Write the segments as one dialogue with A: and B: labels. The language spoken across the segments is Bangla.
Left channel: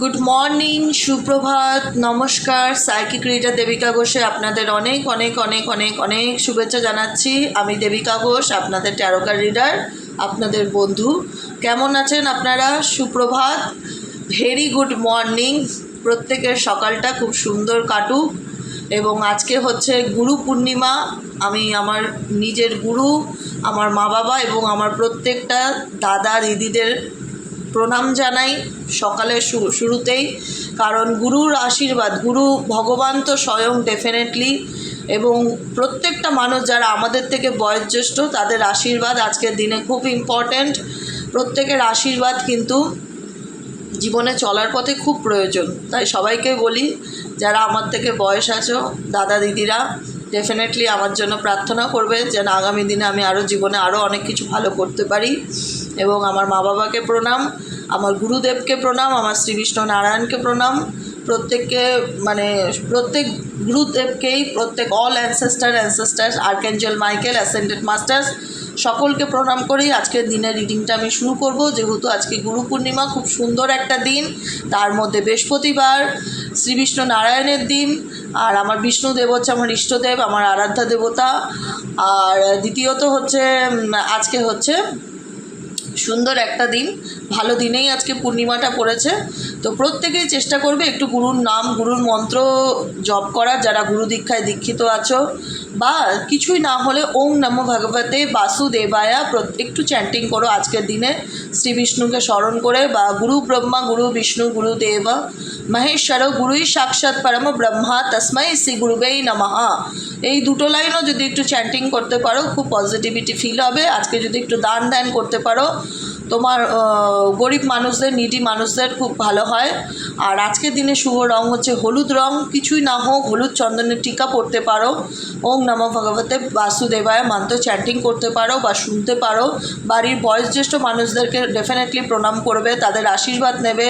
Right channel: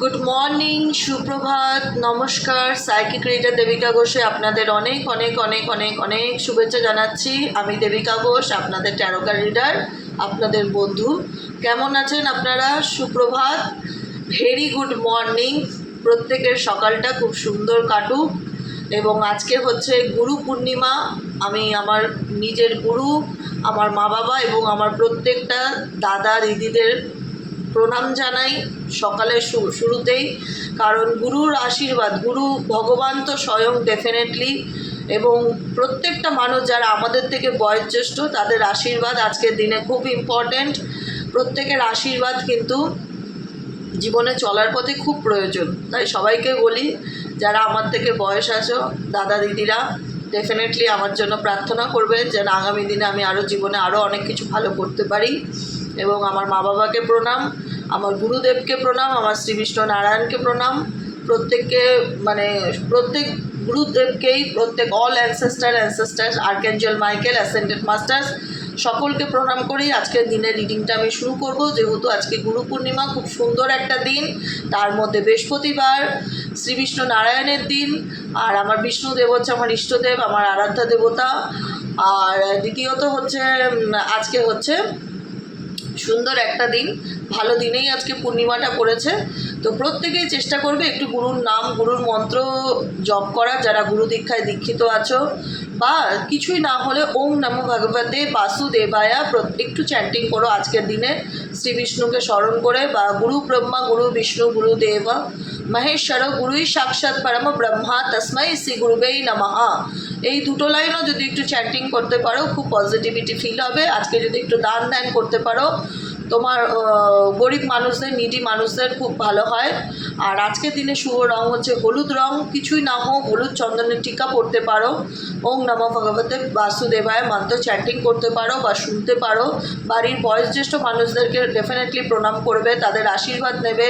A: গুড মর্নিং সুপ্রভাত, নমস্কার সাইকিক রিডার দেবিকা ঘোষে আপনাদের অনেক অনেক অনেক অনেক অনেক শুভেচ্ছা জানাচ্ছি। আমি দেবিকা ঘোষ, আপনাদের ট্যারোকার রিডার আপনাদের বন্ধু। কেমন আছেন আপনারা? সুপ্রভাত ভেরি গুড মর্নিং প্রত্যেকের সকালটা খুব সুন্দর কাটুক। এবং আজকে হচ্ছে গুরু পূর্ণিমা। আমি আমার নিজের গুরু, আমার মা বাবা এবং আমার প্রত্যেকটা দাদা, দিদিদের প্রণাম জানাই সকালে শুরুতেই। কারণ গুরুর আশীর্বাদ, গুরু ভগবান তো স্বয়ং ডেফিনেটলি এবং প্রত্যেকটা মানুষ যারা আমাদের থেকে বয়োজ্যেষ্ঠ, তাদের আশীর্বাদ আজকের দিনে খুব ইম্পর্ট্যান্ট প্রত্যেকের আশীর্বাদ কিন্তু জীবনে চলার পথে খুব প্রয়োজন। তাই সবাইকে বলি, যারা আমার থেকে বয়স আছো, দাদা দিদিরা ডেফিনেটলি আমার জন্য প্রার্থনা করবে যেন আগামী দিনে আমি আরও জীবনে আরও অনেক কিছু ভালো করতে পারি। এবং আমার মা বাবাকে প্রণাম, আমার গুরুদেবকে প্রণাম, আমার শ্রী বিষ্ণু নারায়ণকে প্রণাম। প্রত্যেককে মানে প্রত্যেক গুরুদেবকেই, প্রত্যেক all ancestor ancestors archangel Michael ascended masters সকলকে প্রণাম করেই আজকের দিনের রিডিংটা আমি শুরু করব। যেহেতু আজকে গুরু পূর্ণিমা, খুব সুন্দর একটা দিন। তার মধ্যে বৃহস্পতিবার, শ্রী বিষ্ণু নারায়ণের দিন। আর আমার বিষ্ণু দেব হচ্ছে আমার ইষ্টদেব, আমার আরাধ্যা দেবতা। আর দ্বিতীয়ত হচ্ছে আজকে হচ্ছে সুন্দর একটা দিন। ভালো দিনেই আজকে পূর্ণিমাটা পড়েছে। তো প্রত্যেকেই চেষ্টা করবে একটু গুরুর নাম, গুরুর মন্ত্র জপ করার। যারা গুরু দীক্ষায় দীক্ষিত আছো বা কিছুই না হলে ওম নমো ভগবতে বাসুদেবায়া একটু চ্যান্টিং করো আজকের দিনে। শ্রী বিষ্ণুকে স্মরণ করে বা গুরু ব্রহ্মা, গুরু বিষ্ণু, গুরু দেব। মহেশ্বর, গুরুই সাক্ষাৎ পরম ব্রহ্মা। তস্মৈ শ্রী গুরুবেই নমঃ। এই দুটো লাইনও যদি একটু চ্যাটিং করতে পারো, খুব পজিটিভিটি ফিল হবে। আজকে যদি একটু দান ধ্যান করতে পারো, তোমার গরিব মানুষদের নিডি মানুষদের খুব ভালো হয়। আর আজকের দিনে শুভ রং হচ্ছে হলুদ রং। কিছুই না হোক, হলুদ চন্দনের টিকা পড়তে পারো। ওম নম ভগবতে বাসুদেবায় মন্ত্র চ্যাটিং করতে পারো বা শুনতে পারো। বাড়ির বয়োজ্যেষ্ঠ মানুষদেরকে ডেফিনেটলি প্রণাম করবে, তাদের আশীর্বাদ নেবে।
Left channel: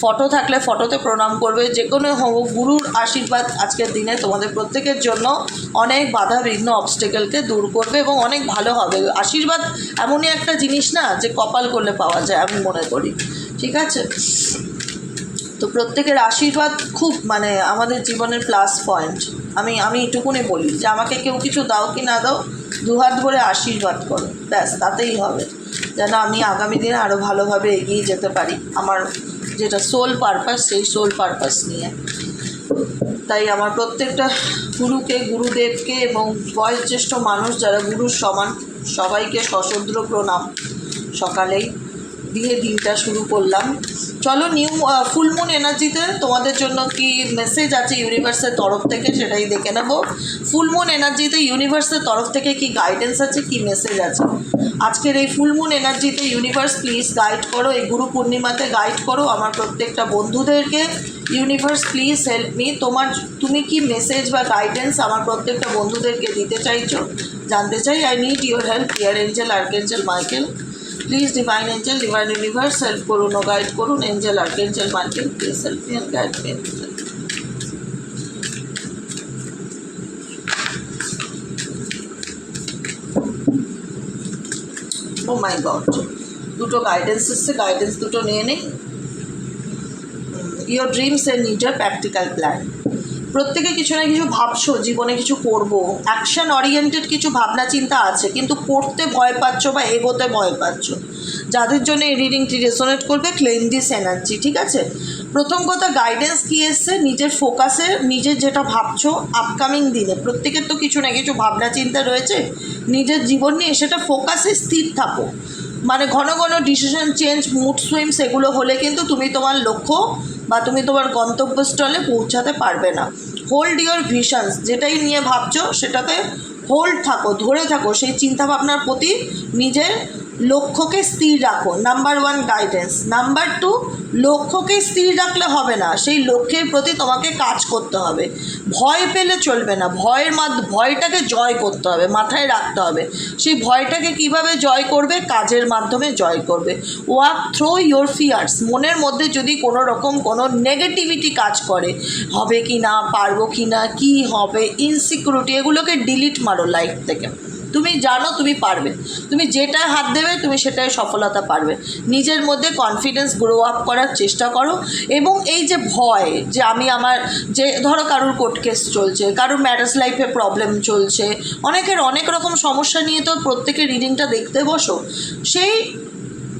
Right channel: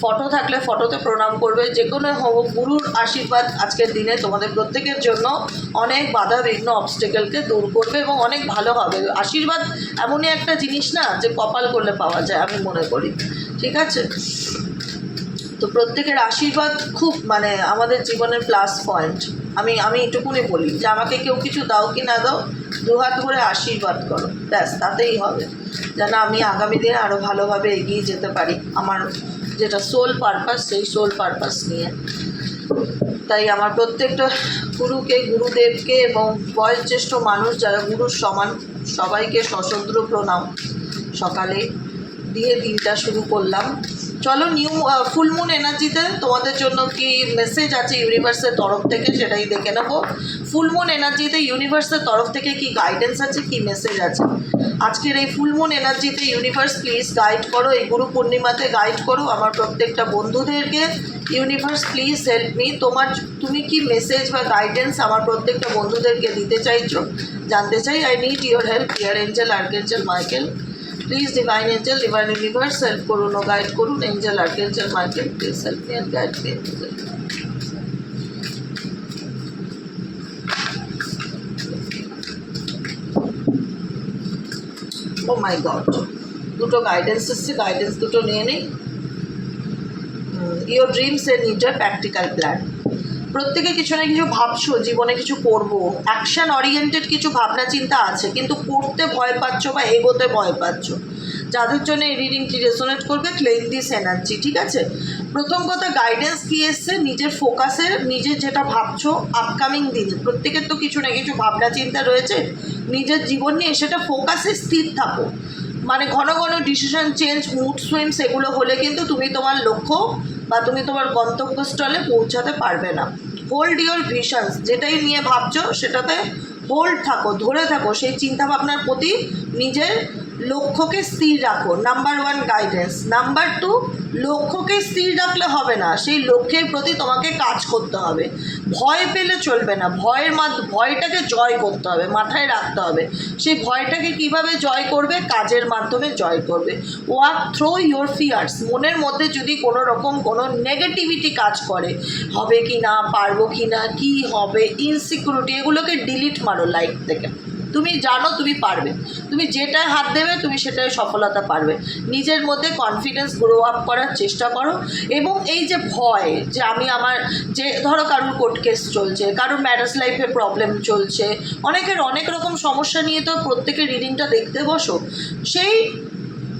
A: ফটো থাকলে ফটোতে প্রণাম করবে। যে কোনো হোক, গুরুর আশীর্বাদ আজকের দিনে তোমাদের প্রত্যেকের জন্য অনেক বাধা বিঘ্ন অবস্টেকেলকে দূর করবে এবং অনেক ভালো হবে। আশীর্বাদ এমনই একটা জিনিস না, যে কপাল করলে পাওয়া যায়, আমি মনে করি। ঠিক আছে? তো প্রত্যেকের আশীর্বাদ খুব মানে আমাদের জীবনের প্লাস পয়েন্ট আমি আমি এটুকুনি বলি যে আমাকে কেউ কিছু দাও কি না দাও, দুহাত ভরে আশীর্বাদ করো। ব্যাস, তাতেই হবে। যেন আমি আগামী দিনে আরও ভালোভাবে এগিয়ে যেতে পারি আমার যেটা সোল পারপাস সেই সোল পারপাস নিয়ে। তাই আমার প্রত্যেকটা গুরুকে, গুরুদেবকে এবং বয়োজ্যেষ্ঠ মানুষ যারা গুরুর সমান, সবাইকে সশদ্র প্রণাম। সকালেই দিয়ে দিনটা শুরু করলাম। চলো নিউ ফুলমুন এনার্জিতে তোমাদের জন্য কি মেসেজ আছে ইউনিভার্সের তরফ থেকে সেটাই দেখে নেব। ফুলমুন এনার্জিতে ইউনিভার্সের তরফ থেকে কি গাইডেন্স আছে, কি মেসেজ আছে? আজকের এই ফুলমুন এনার্জিতে ইউনিভার্স প্লিজ গাইড করো, এই গুরু পূর্ণিমাতে গাইড করো আমার প্রত্যেকটা বন্ধুদেরকে। ইউনিভার্স প্লিজ হেল্প মি তোমার, তুমি কি মেসেজ বা গাইডেন্স আমার প্রত্যেকটা বন্ধুদেরকে দিতে চাইছো? জানতে চাই I need your help year angel archangel Michael please divine angel divine universe help করুন ও গাইড করুন angel archangel Michael please help me and guide me oh my god দুটো গাইডেন্স এসছে গাইডেন্স দুটো নিয়ে নিই your dreams a need a practical plan প্রত্যেকে কিছু না কিছু ভাবছ, জীবনে কিছু করব। অ্যাকশন ওরিয়েন্টেড কিছু ভাবনা চিন্তা আছে, কিন্তু করতে ভয় পাচ্ছ বা এগোতে ভয় পাচ্ছ। যাদের জন্য এই রিডিংটি রেসোনেট করবে ক্লেম দিস এনার্জি ঠিক আছে? প্রথম কথা গাইডেন্স কী এসছে? নিজের ফোকাসে নিজের যেটা ভাবছ আপকামিং দিনে। প্রত্যেকের তো কিছু না কিছু ভাবনা চিন্তা রয়েছে। নিজের জীবন নিয়ে সেটা ফোকাসে স্থির থাকো। মানে ঘন ঘন ডিসিশন চেঞ্জ মুড সুইংস এগুলো হলে কিন্তু তুমি তোমার লক্ষ্য বা তুমি তোমার গন্তব্যস্থলে পৌঁছাতে পারবে না। হোল্ড ইয়োর ভিশনস যেটাই নিয়ে ভাবছ সেটাতে হোল্ড থাকো, ধরে থাকো সেই চিন্তাভাবনার প্রতি নিজের লক্ষ্যকে স্থির রাখো number one guidance number two লক্ষ্যকে স্থির রাখলে হবে না, সেই লক্ষ্যের প্রতি তোমাকে কাজ করতে হবে। ভয় পেলে চলবে না, ভয়ের মাধ্য, ভয়টাকে জয় করতে হবে, মাথায় রাখতে হবে। সেই ভয়টাকে কীভাবে জয় করবে? কাজের মাধ্যমে জয় করবে। ওয়াক থ্রো ইয়োর ফিয়ার্স মনের মধ্যে যদি কোনো রকম কোনো নেগেটিভিটি কাজ করে, হবে কি না, পারব কি না, কী হবে ইনসিকিউরিটি এগুলোকে ডিলিট মারো লাইফ থেকে। তুমি জানো, তুমি পারবে। তুমি যেটায় হাত দেবে, তুমি সেটাই সফলতা পারবে। নিজের মধ্যে কনফিডেন্স গ্রো আপ করার চেষ্টা করো এবং এই যে ভয়, যে আমি আমার, যে ধরো কারোর কোর্ট কেস চলছে, কারোর ম্যারেজ লাইফে প্রবলেম চলছে, অনেকের অনেক রকম সমস্যা নিয়ে তো প্রত্যেকের রিডিংটা দেখতে বসো। সেই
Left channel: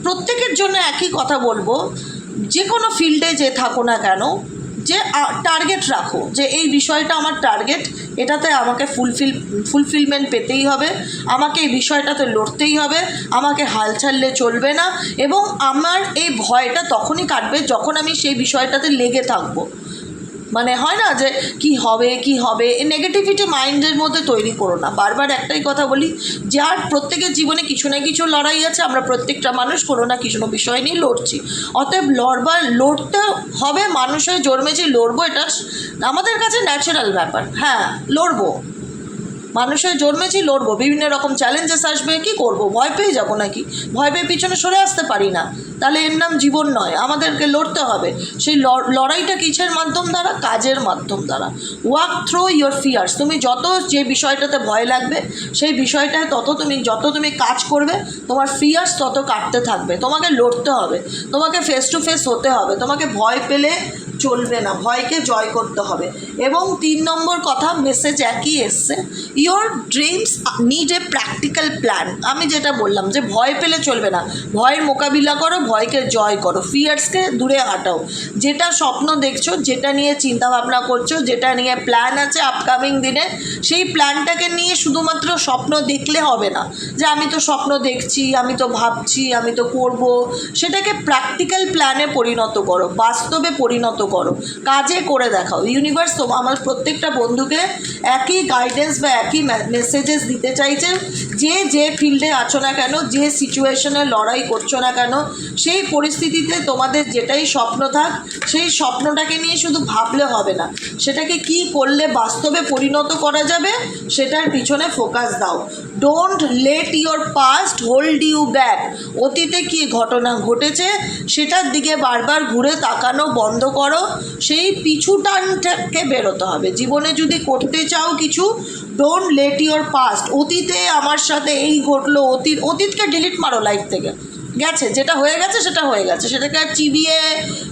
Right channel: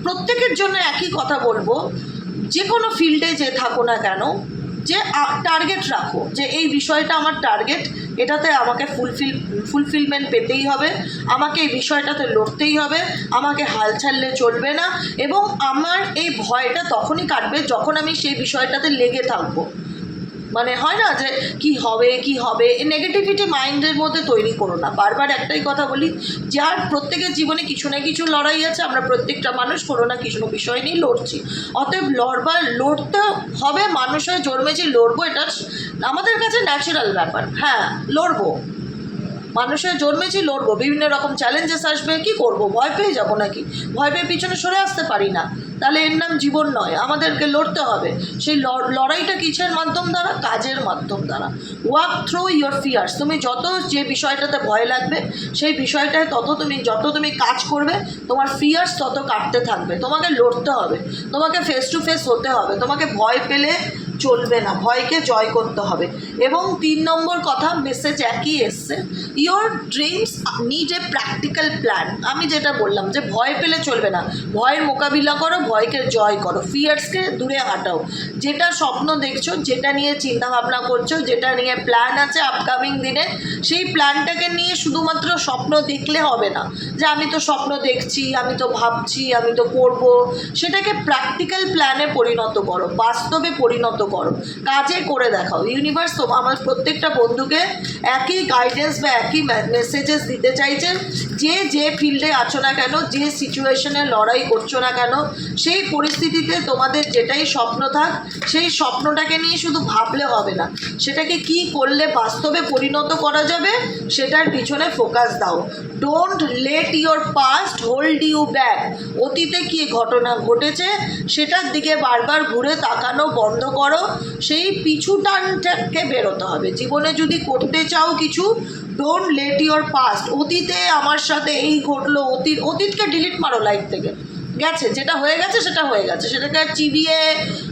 A: প্রত্যেকের জন্য একই কথা বলব, যে কোনো ফিল্ডে যে থাকো না কেন যে টার্গেট রাখো, যে এই বিষয়টা আমার টার্গেট এটাতে আমাকে ফুলফিল ফুলফিলমেন্ট পেতেই হবে, আমাকে এই বিষয়টাতে লড়তেই হবে, আমাকে হাল ছাড়লে চলবে না, এবং আমার এই ভয়টা তখনই কাটবে যখন আমি সেই বিষয়টাতে লেগে থাকব। মানে হয় না যে কি হবে কি হবে? এই নেগেটিভিটি মাইন্ডের মধ্যে তৈরি করো না। বারবার একটাই কথা বলি, যার প্রত্যেকের জীবনে কিছু না কিছু লড়াই আছে, আমরা প্রত্যেকটা মানুষ কোনো না কিছু বিষয় নিয়ে লড়ছি। অতএব লড়বার লড়তে হবে মানুষ হয়ে জন্মেছি, লড়বো, এটা আমাদের কাছে ন্যাচারাল ব্যাপার। হ্যাঁ লড়বো। মানুষের জন্মেছি লড়বো, বিভিন্ন রকম চ্যালেঞ্জেস আসবে, কি করব? ভয় পেয়ে যাব নাকি? ভয় পেয়ে পিছনে সরে আসতে পারি না। তাহলে এর নাম জীবন নয়, আমাদেরকে লড়তে হবে। সেই লড়াইটা কিসের মাধ্যম দ্বারা? কাজের মাধ্যম দ্বারা। ওয়াক থ্রু ইয়োর ফিয়ার্স তুমি যত যে বিষয়টাতে ভয় লাগবে, সেই বিষয়টায় তত তুমি, যত তুমি কাজ করবে, তোমার ফিয়ার্স তত কাটতে থাকবে। তোমাকে লড়তে হবে। তোমাকে ফেস টু ফেস হতে হবে। তোমাকে ভয় পেলে চলবে না, ভয়কে জয় করতে হবে। এবং তিন নম্বর কথা মেসেজ একই এসছে your dreams need a practical plan আমি যেটা বললাম যে, ভয় পেলে চলবে না। ভয় মোকাবিলা করো, ভয়কে জয় করো। ফিয়ার্সকে দূরে হাঁটাও। যেটা স্বপ্ন দেখছ, যেটা নিয়ে চিন্তা ভাবনা করছ, যেটা নিয়ে প্ল্যান আছে আপকামিং দিনে, সেই প্ল্যানটাকে নিয়ে শুধুমাত্র স্বপ্ন দেখলে হবে না। যে, আমি তো স্বপ্ন দেখছি, আমি তো ভাবছি, আমি তো করব। সেটাকে প্র্যাকটিক্যাল প্ল্যানে পরিণত করো, বাস্তবে পরিণত করো। কাজে করে দেখাও। ইউনিভার্স তো আমার প্রত্যেকটা বন্ধুকে একই গাইডেন্স বা একই মেসেজেস দিতে চাইছে। যে যে ফিল্ডে আছো না কেন, যে সিচুয়েশনে লড়াই করছ না কেন, সেই পরিস্থিতিতে তোমাদের যেটাই স্বপ্ন থাক, সেই স্বপ্নটাকে নিয়ে শুধু ভাবলে হবে না। সেটাকে কি করলে বাস্তবে পরিণত করা যাবে, সেটার পিছনে ফোকাস দাও। Don't let your past hold you back অতীতে কি ঘটনা ঘটেছে, সেটার দিকে বারবার ঘুরে তাকানো, বন্ধ করো। সেই পিছু টানটাকে বেরোতে হবে। জীবনে যদি করতে চাও কিছু ডোন্ট লেট ইওর পাস্ট অতীতে আমার সাথে এই ঘটলো, অতীত, অতীতকে ডিলিট মারো লাইফ থেকে। গেছে, যেটা হয়ে গেছে সেটা হয়ে গেছে। সেটাকে আর চিবিয়ে,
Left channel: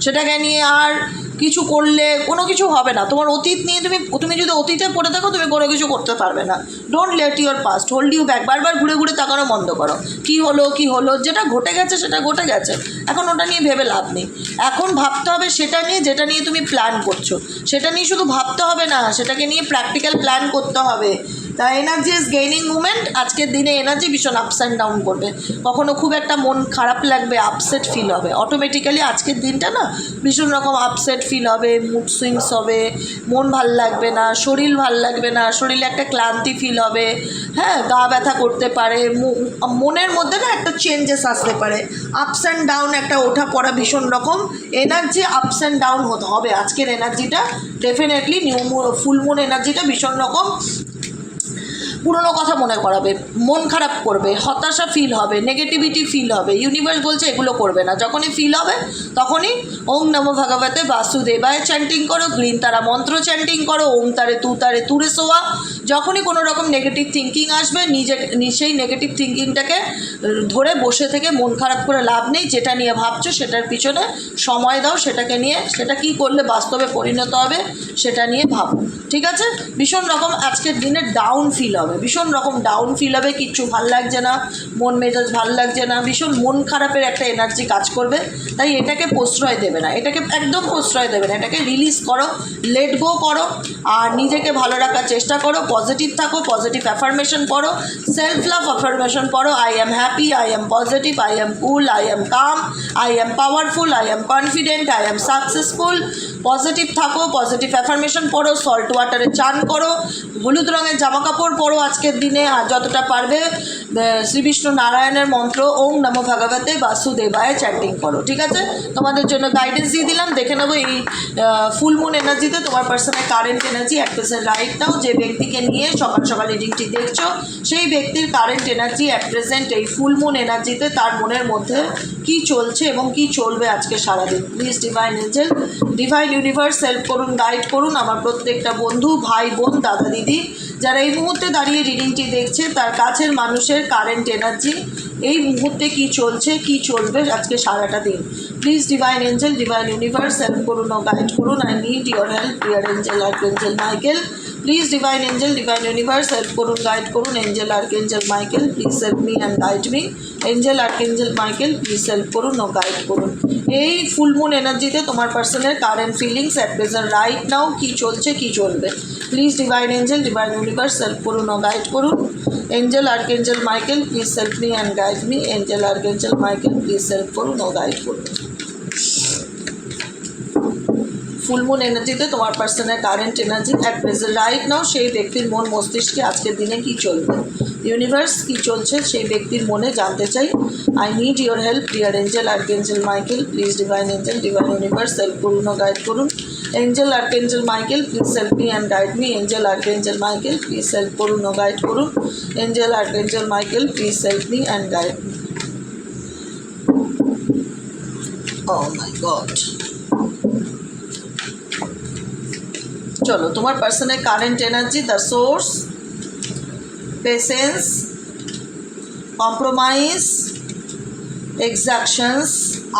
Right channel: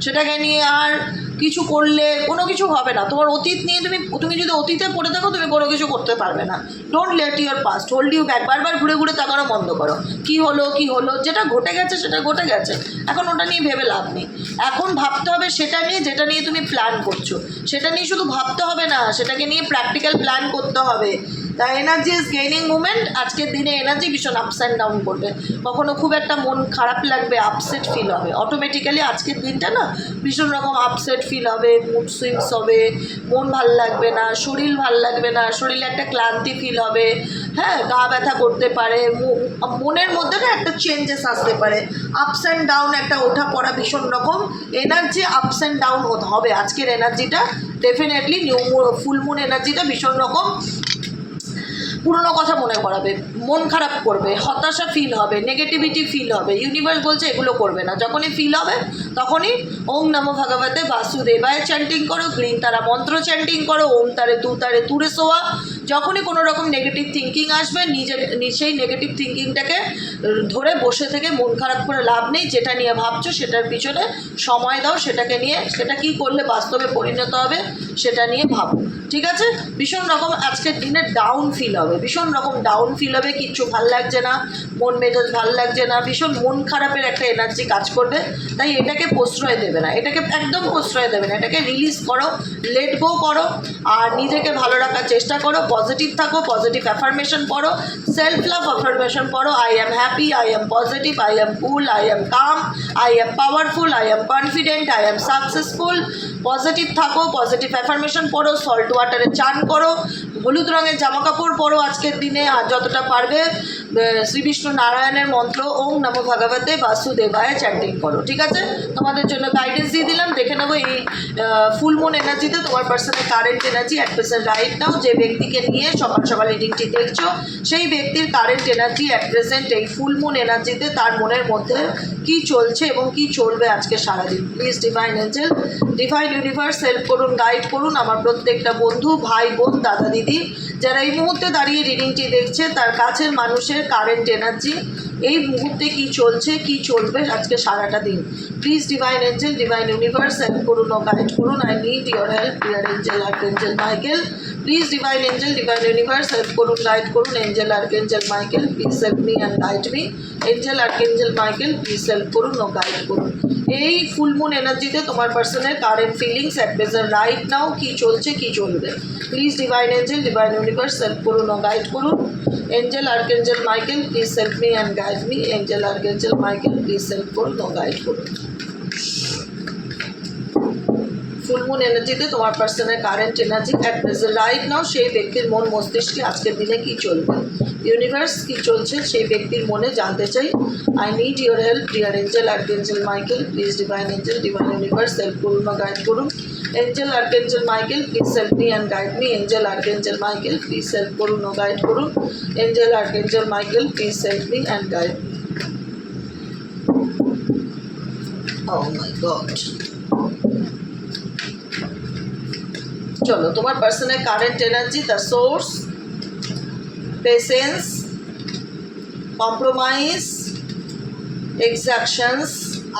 A: সেটাকে নিয়ে আর কিছু করলে কোনো কিছু হবে না। তোমার অতীত নিয়ে তুমি তুমি যদি অতীতে পড়ে থাকো, তুমি কোনো কিছু করতে পারবে না। Don't let your past hold you back বারবার ঘুরে ঘুরে তাকানো বন্ধ করো। কি হলো কি হলো, যেটা ঘটে গেছে, সেটা ঘটে গেছে। এখন ওটা নিয়ে ভেবে লাভ নেই। এখন ভাবতে হবে সেটা নিয়ে, যেটা নিয়ে তুমি প্ল্যান করছ। সেটা নিয়ে শুধু ভাবতে হবে না, সেটাকে নিয়ে প্র্যাকটিক্যাল প্ল্যান করতে হবে। The energy is gaining movement আজকের দিনে এনার্জি ভীষণ আপস অ্যান্ড ডাউন করবে কখনো খুব একটা মন খারাপ লাগবে আপসেট ফিল হবে। অটোমেটিক্যালি আজকের দিনটা না ভীষণ রকম আপসেট ফিল হবে মুড সুইংস হবে, মন ভালো লাগবে না, শরীর ভালো লাগবে না, শরীরে একটা ক্লান্তি ফিল হবে হ্যাঁ গা ব্যথা করতে পারে মনের মধ্যে না একটা চেঞ্জেস আসতে পারে। আপস অ্যান্ড ডাউন একটা ওঠা পড়া ভীষণ রকম। এনার্জি আপস অ্যান্ড ডাউন হবে। আজকের এনার্জিটা ডেফিনেটলি নিউ ফুল মুন এনার্জিটা ভীষণ রকম পুরনো কথা মনে করাবে, মন খারাপ করবে, হতাশা ফিল হবে নেগেটিভিটি ফিল হবে ইউনিভার্স বলছে এগুলো করবে না। যখনই ফিল হবে, তখনই ওম নম ভগবতে বাসুদেবায় চ্যান্টিং করো, গ্রিন তারা মন্ত্র চ্যান্টিং করো, ওম তারে তু তারে তুরে সোয়া যখনই কোনো রকম নেগেটিভ থিঙ্কিং আসবে নিজে নি- সেই নেগেটিভ থিঙ্কিংটাকে ধরে বসে থেকে মন খারাপ করে লাভ নেই, যেটা নিয়ে ভাবছ সেটার পিছনে সময় দাও, সেটাকে নিয়ে, সেটা কি করলে বাস্তবে পরিণত হবে সেটা নিয়ে ভাবো। ঠিক আছে? ভীষণ রকম আজকের দিনে ডাউন ফিল হবে। ভীষণ রকম ডাউন ফিল হবে, কিচ্ছু ভালো লাগছে না, মন মেজাজ ভালো লাগছে না, ভীষণ মন খারাপের একটা এনার্জি কাজ করবে। তাই এটাকে প্রশ্রয় দেবে না, এটাকে একদম প্রশ্রয় দেবে না, এটাকে রিলিজ করো লেট গো করো, আর নিজেকে ভালো রাখার চেষ্টা করো পজিটিভ থাকো পজিটিভ অ্যাফার্মেশন পড়ো সেলফ লাভ অ্যাফার্মেশন পড়ো I am happy I am positive I am cool I am calm I am powerful I am confident I am successful positive থাকো পজিটিভ অ্যাফার্মেশন পড়ো সল্ট ওয়াটারে চান করো হলুদ রঙের জামা কাপড় পরো আজকের দিনে আর যতটা পারবে আহ, শ্রী বিষ্ণু নারায়ণের মন্ত্র ওম নমো ভগবতে বাসুদেবায় চ্যান্টিং করো ঠিক আছে? তোমাদের জন্য গাইডেন্স দিয়ে দিলাম দেখে নেব এই ফুল মুন এনার্জিতে তোমার personal current energy at present right now যে ব্যক্তিকে নিয়ে সকাল সকাল রিডিংটি দেখছ সেই ব্যক্তির কারেন্ট এনার্জি অ্যাট প্রেজেন্ট এই ফুল মুন এনার্জিতে তার মনের মধ্যে কি চলছে এবং কি চলবে আজকে সারাদিন? Please divine angel divine universe help করুন গাইড করুন আমার প্রত্যেকটা বন্ধু, ভাই, বোন, দাদা, দিদি, যারা এই মুহূর্তে দাঁড়িয়ে রিডিংটি দেখছে, তার কাছের মানুষের কারেন্ট এনার্জি এই মুহূর্তে কি চলছে, কি চলবে আজকে সারাটা দিন। Please divine angel divine universe help করুন ও গাইড করুন। I need your help dear angel archangel Michael please divine angel divine universe help করুন গাইড করুন angel archangel Michael please help me and guide me angel archangel Michael please help করুন ও গাইড করুন। এই ফুল মুন এনার্জিতে তোমার পার্সনের current feelings at present right now কী চলছে, কী চলবে। Please divine angel divine universe help করুন ও গাইড করুন। Angel archangel Michael please help me and guide me angel archangel Michael please help করুন ও গাইড করুন। ফুল মুন এনার্জিতে তোমার পার্সনের current energy at present right now সেই ব্যক্তির মন মস্তিষ্কে আজকের দিনে কি চলবে? ইউনিভার্স কি চলছে সেই ব্যক্তির মনে জানতে চাই। I need your help dear angel archangel Michael please divine angel divine universe help করুন গাইড করুন। Angel archangel Michael please help me and guide me angel archangel Michael please help করুন গাইড করুন। Angel archangel Michael please help me and guide oh my god চলো, তোমার পার্সনের current energy the source patience compromise exactions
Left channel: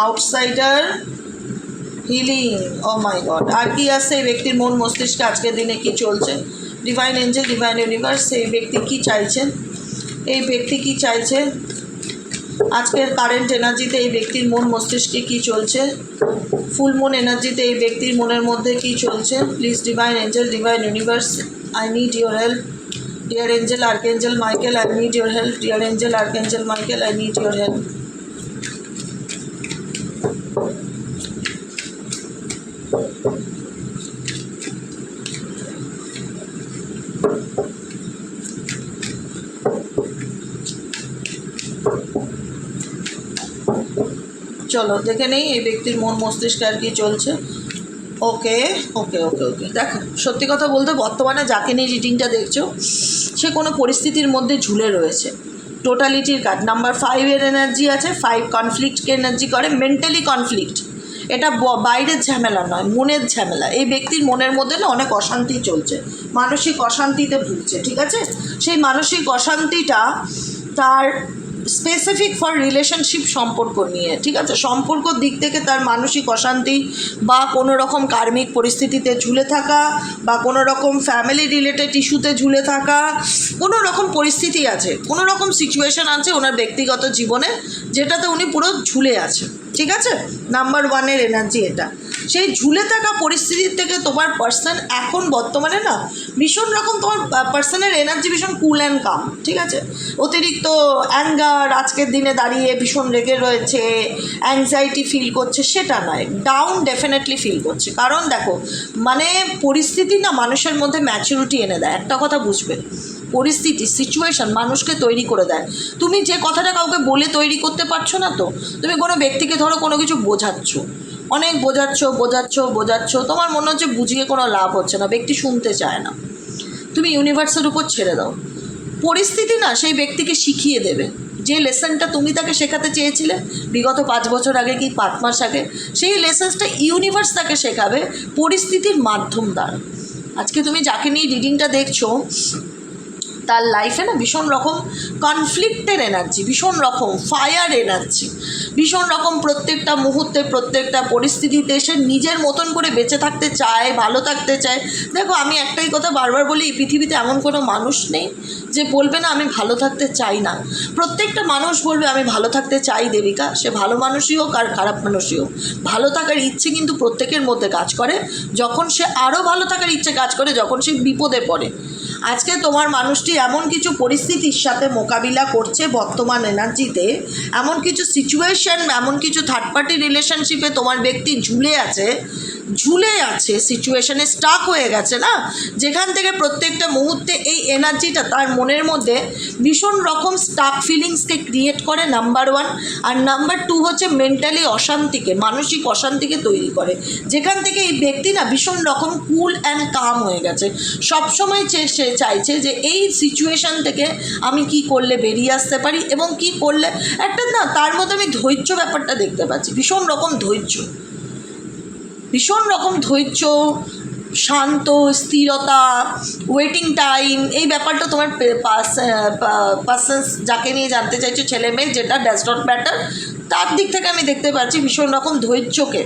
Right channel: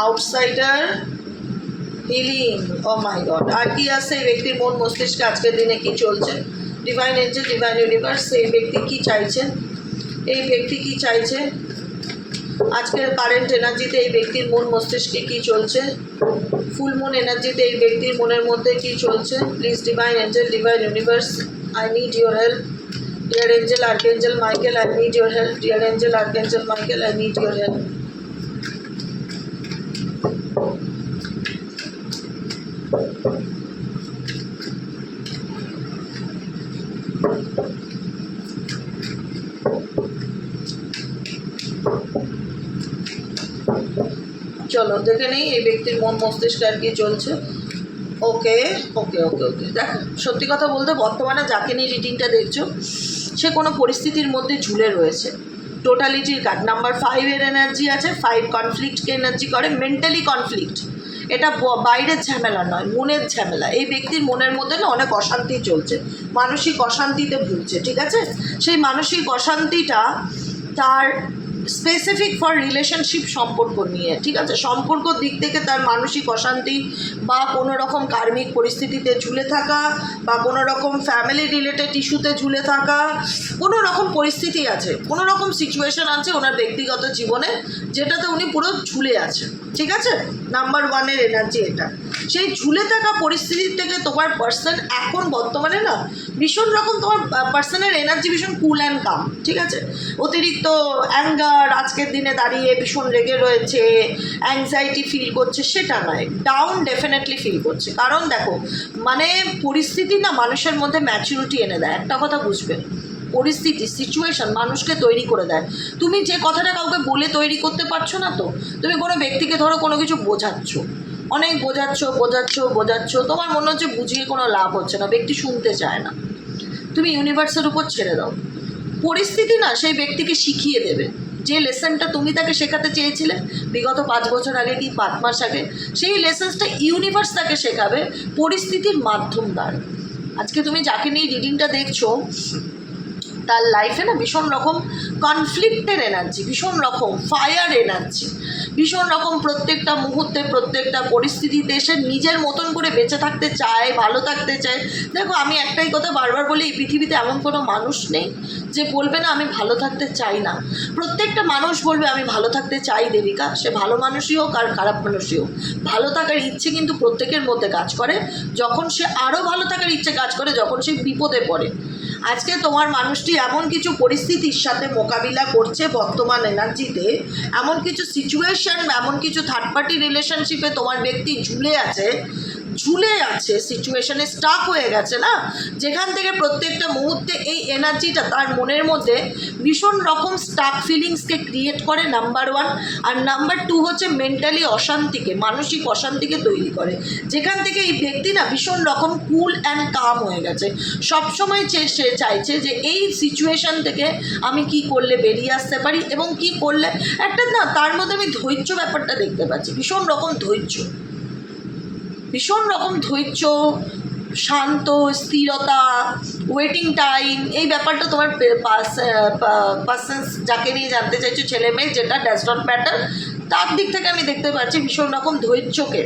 A: outsider healing oh my god আর কি আছে এই ব্যক্তির মন মস্তিষ্কে? আজকের দিনে কি চলছে? ডিভাইন এঞ্জেল ডিভাইন ইউনিভার্স এই ব্যক্তি কি চাইছেন এই ব্যক্তি কি চাইছে? আজকের কারেন্ট এনার্জিতে এই ব্যক্তির মন মস্তিষ্কে কি চলছে? ফুল মুন এনার্জিতে এই ব্যক্তির মনের মধ্যে কি চলছে? Please divine angel divine universe I need your help dear angel archangel Michael I need your help dear angel archangel Michael I need your help চলো দেখে নেই, এই ব্যক্তির মন মস্তিষ্কে আর কি চলছে। ওকে ওকে ওকে ওকে। দেখো, সত্যি কথা বলতে বর্তমানে যাকে নিয়ে রিডিংটা দেখছ, সে কোনো পরিস্থিতির মধ্যে ঝুলে রয়েছে। টোটালিটির কার্ড নাম্বার ফাইভের এনার্জি আছে ফাইভ কনফ্লিক্টকে এনার্জি করে মেন্টালি কনফ্লিক্ট এটা বাইরের ঝামেলা নয়, মনের ঝামেলা। এই ব্যক্তির মনের মধ্যে না অনেক অশান্তি চলছে। মানসিক অশান্তিতে ভুগছে, ঠিক আছে? সেই মানসিক অশান্তিটা তার স্পেসিফিক ফর রিলেশনশিপ সম্পর্ক নিয়ে, ঠিক আছে? সম্পর্কর দিক থেকে তার মানসিক অশান্তি বা কোনো রকম কার্মিক পরিস্থিতিতে ঝুলে থাকা বা কোনো রকম ফ্যামিলি রিলেটেড ইস্যুতে ঝুলে থাকা, কোনো রকম পরিস্থিতি আছে, কোনো রকম সিচুয়েশান আছে ওনার ব্যক্তিগত জীবনে যেটাতে উনি পুরো ঝুলে আছে ঠিক আছে? নাম্বার ওয়ানের এনার্জি এটা। সেই ঝুলে থাকা পরিস্থিতির থেকে তোমার পার্সন এখন বর্তমানে না ভীষণ রকম তোমার পার্সনের এনার্জি ভীষণ কুল অ্যান্ড কাম ঠিক আছে? অতিরিক্ত অ্যাঙ্গার আজকের দিনে দাঁড়িয়ে ভীষণ রেগে রয়েছে অ্যাংজাইটি ফিল করছে, সেটা নয়। ডাউন ডেফিনেটলি ফিল করছে। কারণ দেখো মানে পরিস্থিতি না মানুষের মধ্যে ম্যাচুরিটি এনে দেয়। একটা কথা বুঝবে? পরিস্থিতি সিচুয়েশন মানুষকে তৈরি করে দেয়। তুমি যে কথাটা কাউকে বলে তৈরি করতে পারছ না তো? তুমি কোনো ব্যক্তিকে ধরো কোনো কিছু বোঝাচ্ছ। অনেক বোঝাচ্ছ বোঝাচ্ছ বোঝাচ্ছ, তোমার মনে হচ্ছে বুঝিয়ে কোনো লাভ হচ্ছে না, ব্যক্তি শুনতে চায় না। তুমি ইউনিভার্সের উপর ছেড়ে দাও। পরিস্থিতি না সেই ব্যক্তিকে শিখিয়ে দেবে। যে লেসনটা তুমি তাকে শেখাতে চেয়েছিলে, বিগত পাঁচ বছর আগে কি পাঁচ মাস আগে, সেই লেসন্সটা ইউনিভার্স তাকে শেখাবে পরিস্থিতির মাধ্যম দ্বারা। আজকে তুমি যাকে নিয়ে রিডিংটা দেখছ তার লাইফে না ভীষণ রকম কনফ্লিক্টের এনার্জি ভীষণ রকম ফায়ার এনার্জি ভীষণ রকম প্রত্যেকটা মুহূর্তে, প্রত্যেকটা পরিস্থিতিতে সে নিজের মতন করে বেঁচে থাকতে চায়, ভালো থাকতে চায়। দেখো, আমি একটাই কথা বারবার বলি, এই পৃথিবীতে এমন কোনো মানুষ নেই যে বলবে না, আমি ভালো থাকতে চাই না। প্রত্যেকটা মানুষ বলবে, আমি ভালো থাকতে চাই, দেবিকা। সে ভালো মানুষই হোক আর খারাপ মানুষই হোক। ভালো থাকার ইচ্ছে কিন্তু প্রত্যেকের মধ্যে কাজ করে। যখন সে আরও ভালো থাকার ইচ্ছে কাজ করে, যখন সে বিপদে পড়ে। আজকে তোমার মানুষটি এমন কিছু পরিস্থিতির সাথে মোকাবিলা করছে বর্তমান এনার্জিতে, এমন কিছু সিচুয়েশন এমন কিছু থার্ড পার্টি রিলেশনশিপে তোমার ব্যক্তি ঝুলে আছে ঝুলে আছে সিচুয়েশনে স্টাক হয়ে গেছে না? যেখান থেকে প্রত্যেকটা মুহূর্তে এই এনার্জিটা তার মনের মধ্যে ভীষণ রকম স্টাক ফিলিংসকে ক্রিয়েট করে নাম্বার ওয়ান আর নাম্বার টু হচ্ছে মেন্টালি অশান্তিকে, মানসিক অশান্তিকে তৈরি করে। যেখান থেকে এই ব্যক্তি না ভীষণ রকম কুল অ্যান্ড কাম হয়ে গেছে। সবসময় সে চাইছে যে এই সিচুয়েশন থেকে আমি কি করলে বেরিয়ে আসতে পারি এবং কি করলে একটা না, তার মধ্যে আমি ধৈর্য ব্যাপারটা দেখতে পাচ্ছি, ভীষণ রকম ধৈর্য। ভীষণ রকম ধৈর্য, শান্ত, স্থিরতা ওয়েটিং টাইম এই ব্যাপারটা তোমার পার্সেন্স যাকে নিয়ে জানতে চাইছো, ছেলে মেয়ে, যেটা ড্যাশ ডট ম্যাটার তার দিক থেকে আমি দেখতে পাচ্ছি ভীষণ রকম ধৈর্যকে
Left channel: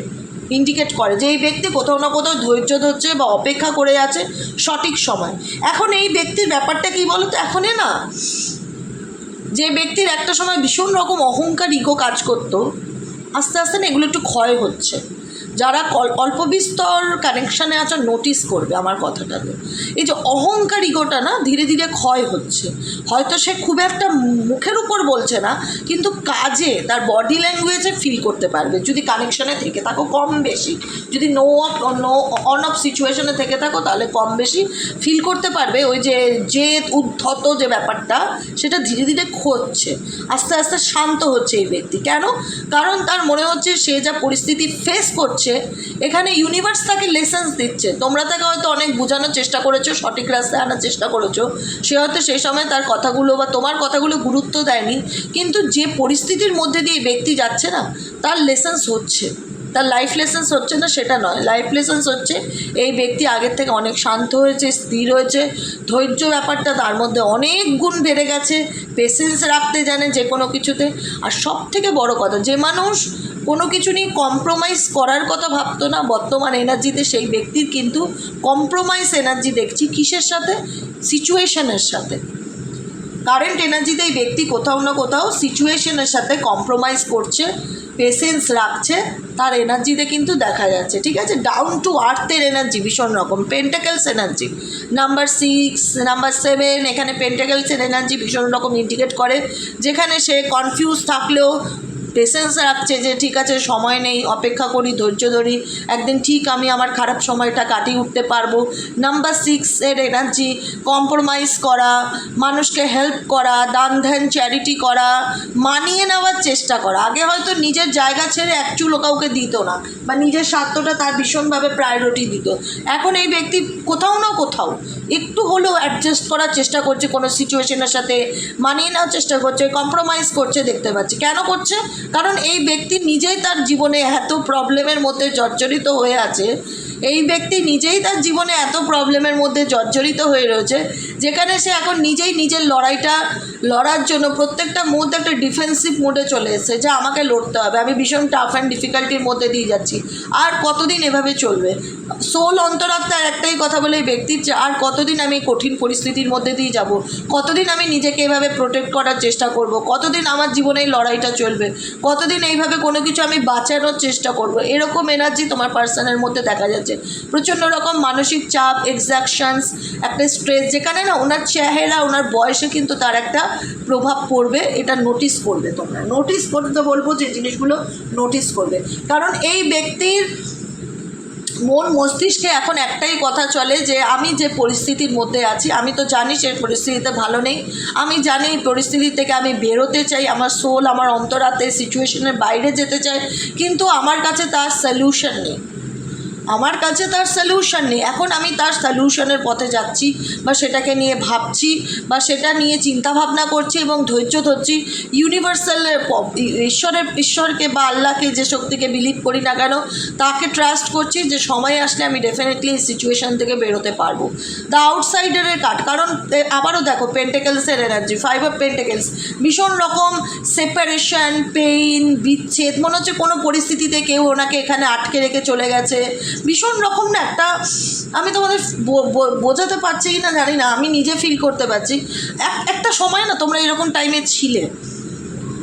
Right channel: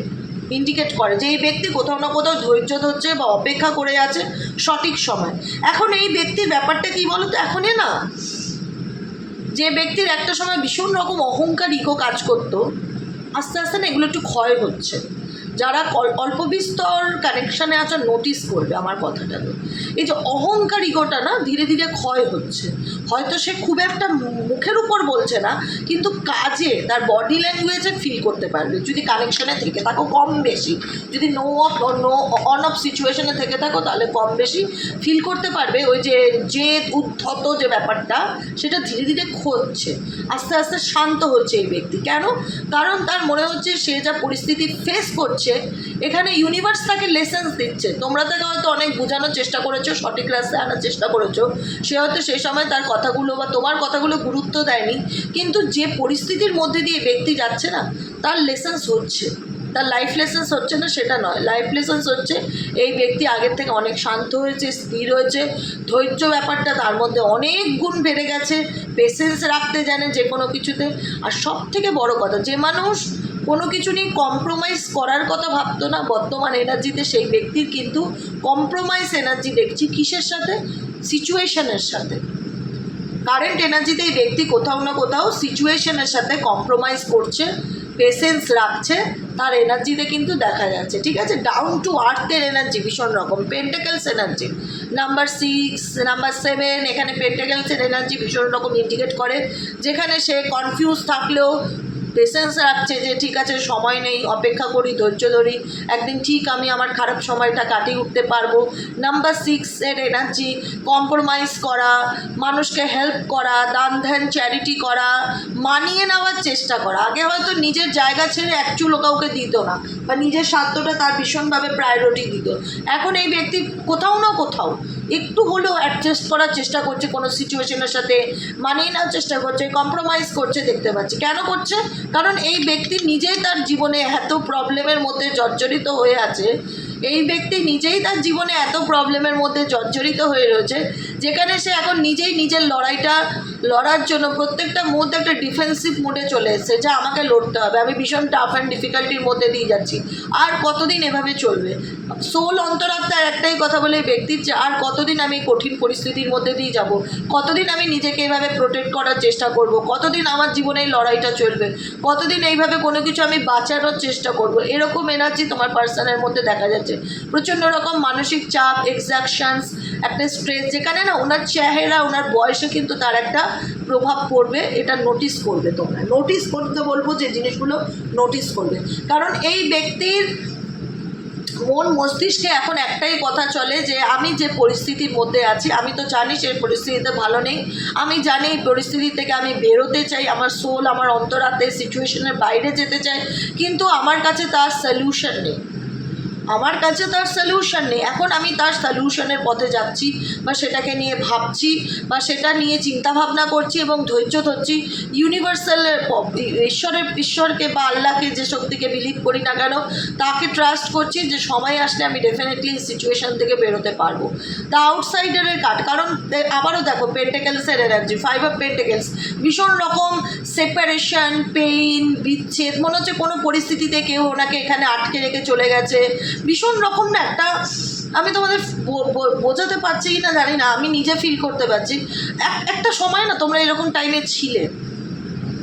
A: ইন্ডিকেট করে যে এই ব্যক্তি কোথাও না কোথাও ধৈর্য ধরছে বা অপেক্ষা করে আছে সঠিক সময়। এখন এই ব্যক্তির ব্যাপারটা কি বলো তো এখনই না, যে ব্যক্তির একটা সময় ভীষণ রকম অহংকার ইগো কাজ করতো, আস্তে আস্তে না এগুলো একটু ক্ষয় হচ্ছে। যারা অল্প বিস্তর কানেকশানে আছে নোটিস করবে আমার কথাটাকে এই যে অহংকার ইগোটা না, ধীরে ধীরে ক্ষয় হচ্ছে। হয়তো সে খুব একটা মুখের উপর বলছে না, কিন্তু কাজে, তার বডি ল্যাঙ্গুয়েজে ফিল করতে পারবে। যদি কানেকশানে থেকে থাকো, কম বেশি। যদি no off no on off সিচুয়েশনে থেকে থাকো, তাহলে কম বেশি ফিল করতে পারবে। ওই যে জেদ, উদ্ধত যে ব্যাপারটা, সেটা ধীরে ধীরে খোঁজছে। আস্তে আস্তে শান্ত হচ্ছে এই ব্যক্তি। কেন? কারণ তার মনে হচ্ছে সে যা পরিস্থিতি ফেস করছে এখানে ইউনিভার্স তাকে লেসেন্স দিচ্ছে। তোমরা তাকে হয়তো অনেক বোঝানোর চেষ্টা করেছ, সঠিক রাস্তায় আনার চেষ্টা করেছ। সে হয়তো সেই সময় তার কথাগুলো বা তোমার কথাগুলো গুরুত্ব দেয়নি, কিন্তু যে পরিস্থিতির মধ্যে দিয়ে ব্যক্তি যাচ্ছে না, তার লেসেন্স হচ্ছে। তার লাইফ লেসেন্স হচ্ছে না, সেটা নয়। লাইফ লেসেন্স হচ্ছে, এই ব্যক্তি আগের থেকে অনেক শান্ত হয়েছে, স্থির হয়েছে। ধৈর্য ব্যাপারটা তার মধ্যে অনেক গুণ বেড়ে গেছে। পেশেন্স রাখতে জানে যে কোনো কিছুতে। আর সব থেকে বড় কথা, যে মানুষ কোনো কিছু নিয়ে কম্প্রোমাইজ করার কথা ভাবতো না। বর্তমান এনার্জিতে সেই ব্যক্তির কিন্তু কম্প্রোমাইজ এনার্জি দেখছি কিসের সাথে? সিচুয়েশনের সাথে। কারেন্ট এনার্জিতে এই ব্যক্তি কোথাও না কোথাও সিচুয়েশনের সাথে কম্প্রোমাইজ করছে পেশেন্স রাখছে, তার এনার্জিতে কিন্তু দেখা যাচ্ছে, ঠিক আছে? ডাউন টু আর্থের এনার্জি ভীষণ রকম pentacles energy number six number seven এখানে পেন্টাকেলসের এনার্জি ভীষণ রকম ইন্ডিকেট করে, যেখানে সে কনফিউজ থাকলেও পেশেন্স রাখছে যে, ঠিক আছে, সময় নেই, অপেক্ষা করি, ধৈর্য ধরি, একদিন ঠিক আমি আমার খারাপ সময়টা কাটিয়ে উঠতে পারব। নাম্বার সিক্সের এনার্জি কম্প্রোমাইজ করা, মানুষকে হেল্প করা, দান ধ্যান চ্যারিটি করা, মানিয়ে নেওয়ার চেষ্টা করা। আগে হয়তো নিজের জায়গা ছেড়ে এক চুলো কাউকে দিত না, বা নিজের স্বার্থটা তার ভীষণভাবে প্রায়োরিটি দিত। এখন এই ব্যক্তি কোথাও না কোথাও একটু হলেও অ্যাডজাস্ট করার চেষ্টা করছে কোনো সিচুয়েশনের সাথে, মানিয়ে নেওয়ার চেষ্টা করছে কম্প্রোমাইজ করছে দেখতে পাচ্ছি। কেন করছে? কারণ এই ব্যক্তি নিজেই তার জীবনে এত প্রবলেমের মধ্যে জর্জরিত হয়ে আছে। এই ব্যক্তি নিজেই তার জীবনে এত প্রবলেমের মধ্যে জর্জরিত হয়ে রয়েছে, যেখানে সে এখন নিজেই নিজের লড়াইটা লড়ার জন্য প্রত্যেকটা মুহূর্তে একটা ডিফেন্সিভ মোডে চলে এসেছে, যে আমাকে লড়তে হবে। আমি ভীষণ টাফ অ্যান্ড ডিফিকাল্টির মধ্যে দিয়ে যাচ্ছি। আর কতদিন এভাবে চলবে? সোল অন্তরাত্মার একটাই কথা বলে ব্যক্তির যে, আর কতদিন আমি কঠিন পরিস্থিতির মধ্যে দিয়ে যাব? কতদিন আমি নিজেকে এভাবে প্রোটেক্ট করার চেষ্টা করব? কতদিন আমার জীবনে এই লড়াইটা চলবে? কতদিন এইভাবে কোনো কিছু আমি বাঁচানোর চেষ্টা করব? এরকম এনার্জি তোমার পার্সনের মধ্যে দেখা যাচ্ছে। প্রচণ্ড রকম মানসিক চাপ এক্সাকশনস একটা স্ট্রেস যেখানে না ওনার চেহারা, ওনার বয়সে কিন্তু তার একটা প্রভাব পড়বে, এটা নোটিস করবে তোমরা। নোটিস করতে বলব যে জিনিসগুলো নোটিস করবে। কারণ এই ব্যক্তির মন মস্তিষ্কে এখন একটাই কথা চলে যে আমি যে পরিস্থিতির মধ্যে আছি, আমি তো জানি সেই পরিস্থিতিতে ভালো নেই। আমি জানি এই পরিস্থিতি থেকে আমি বেরোতে চাই, আমার সোল আমার অন্তরাতে সিচুয়েশনের বাইরে যেতে চাই কিন্তু আমার কাছে তার সলিউশন নেই। আমার কাছে তার সলিউশন নেই। এখন আমি তার সলিউশনের পথে যাচ্ছি বা সেটাকে নিয়ে ভাবছি বা সেটা নিয়ে চিন্তা ভাবনা করছি এবং ধৈর্য ধরছি। ইউনিভার্সালের ঈশ্বরের, ঈশ্বরকে বা আল্লাহকে যে শক্তিকে বিলিভ করি না কেন, তাকে ট্রাস্ট করছি যে সময় আসলে আমি ডেফিনেটলি সিচুয়েশান থেকে বেরোতে পারব। দ্য আউটসাইডারের কাট, কারণ আবারও দেখো পেন্টেকেলসের এনার্জি ফাইভ অফ পেন্টেকেলস ভীষণ রকম সেপারেশন পেইন বিচ্ছেদ, মনে হচ্ছে কোনো পরিস্থিতিতে কেউ ওনাকে এখানে আটকে রেখে চলে গেছে। ভীষণ রকম না একটা, আমি তোমাদের বোঝাতে পারছি কি না জানি না, আমি নিজে ফিল করতে পারছি। এক- একটা সময় না তোমরা এরকম টাইমে ছিলে।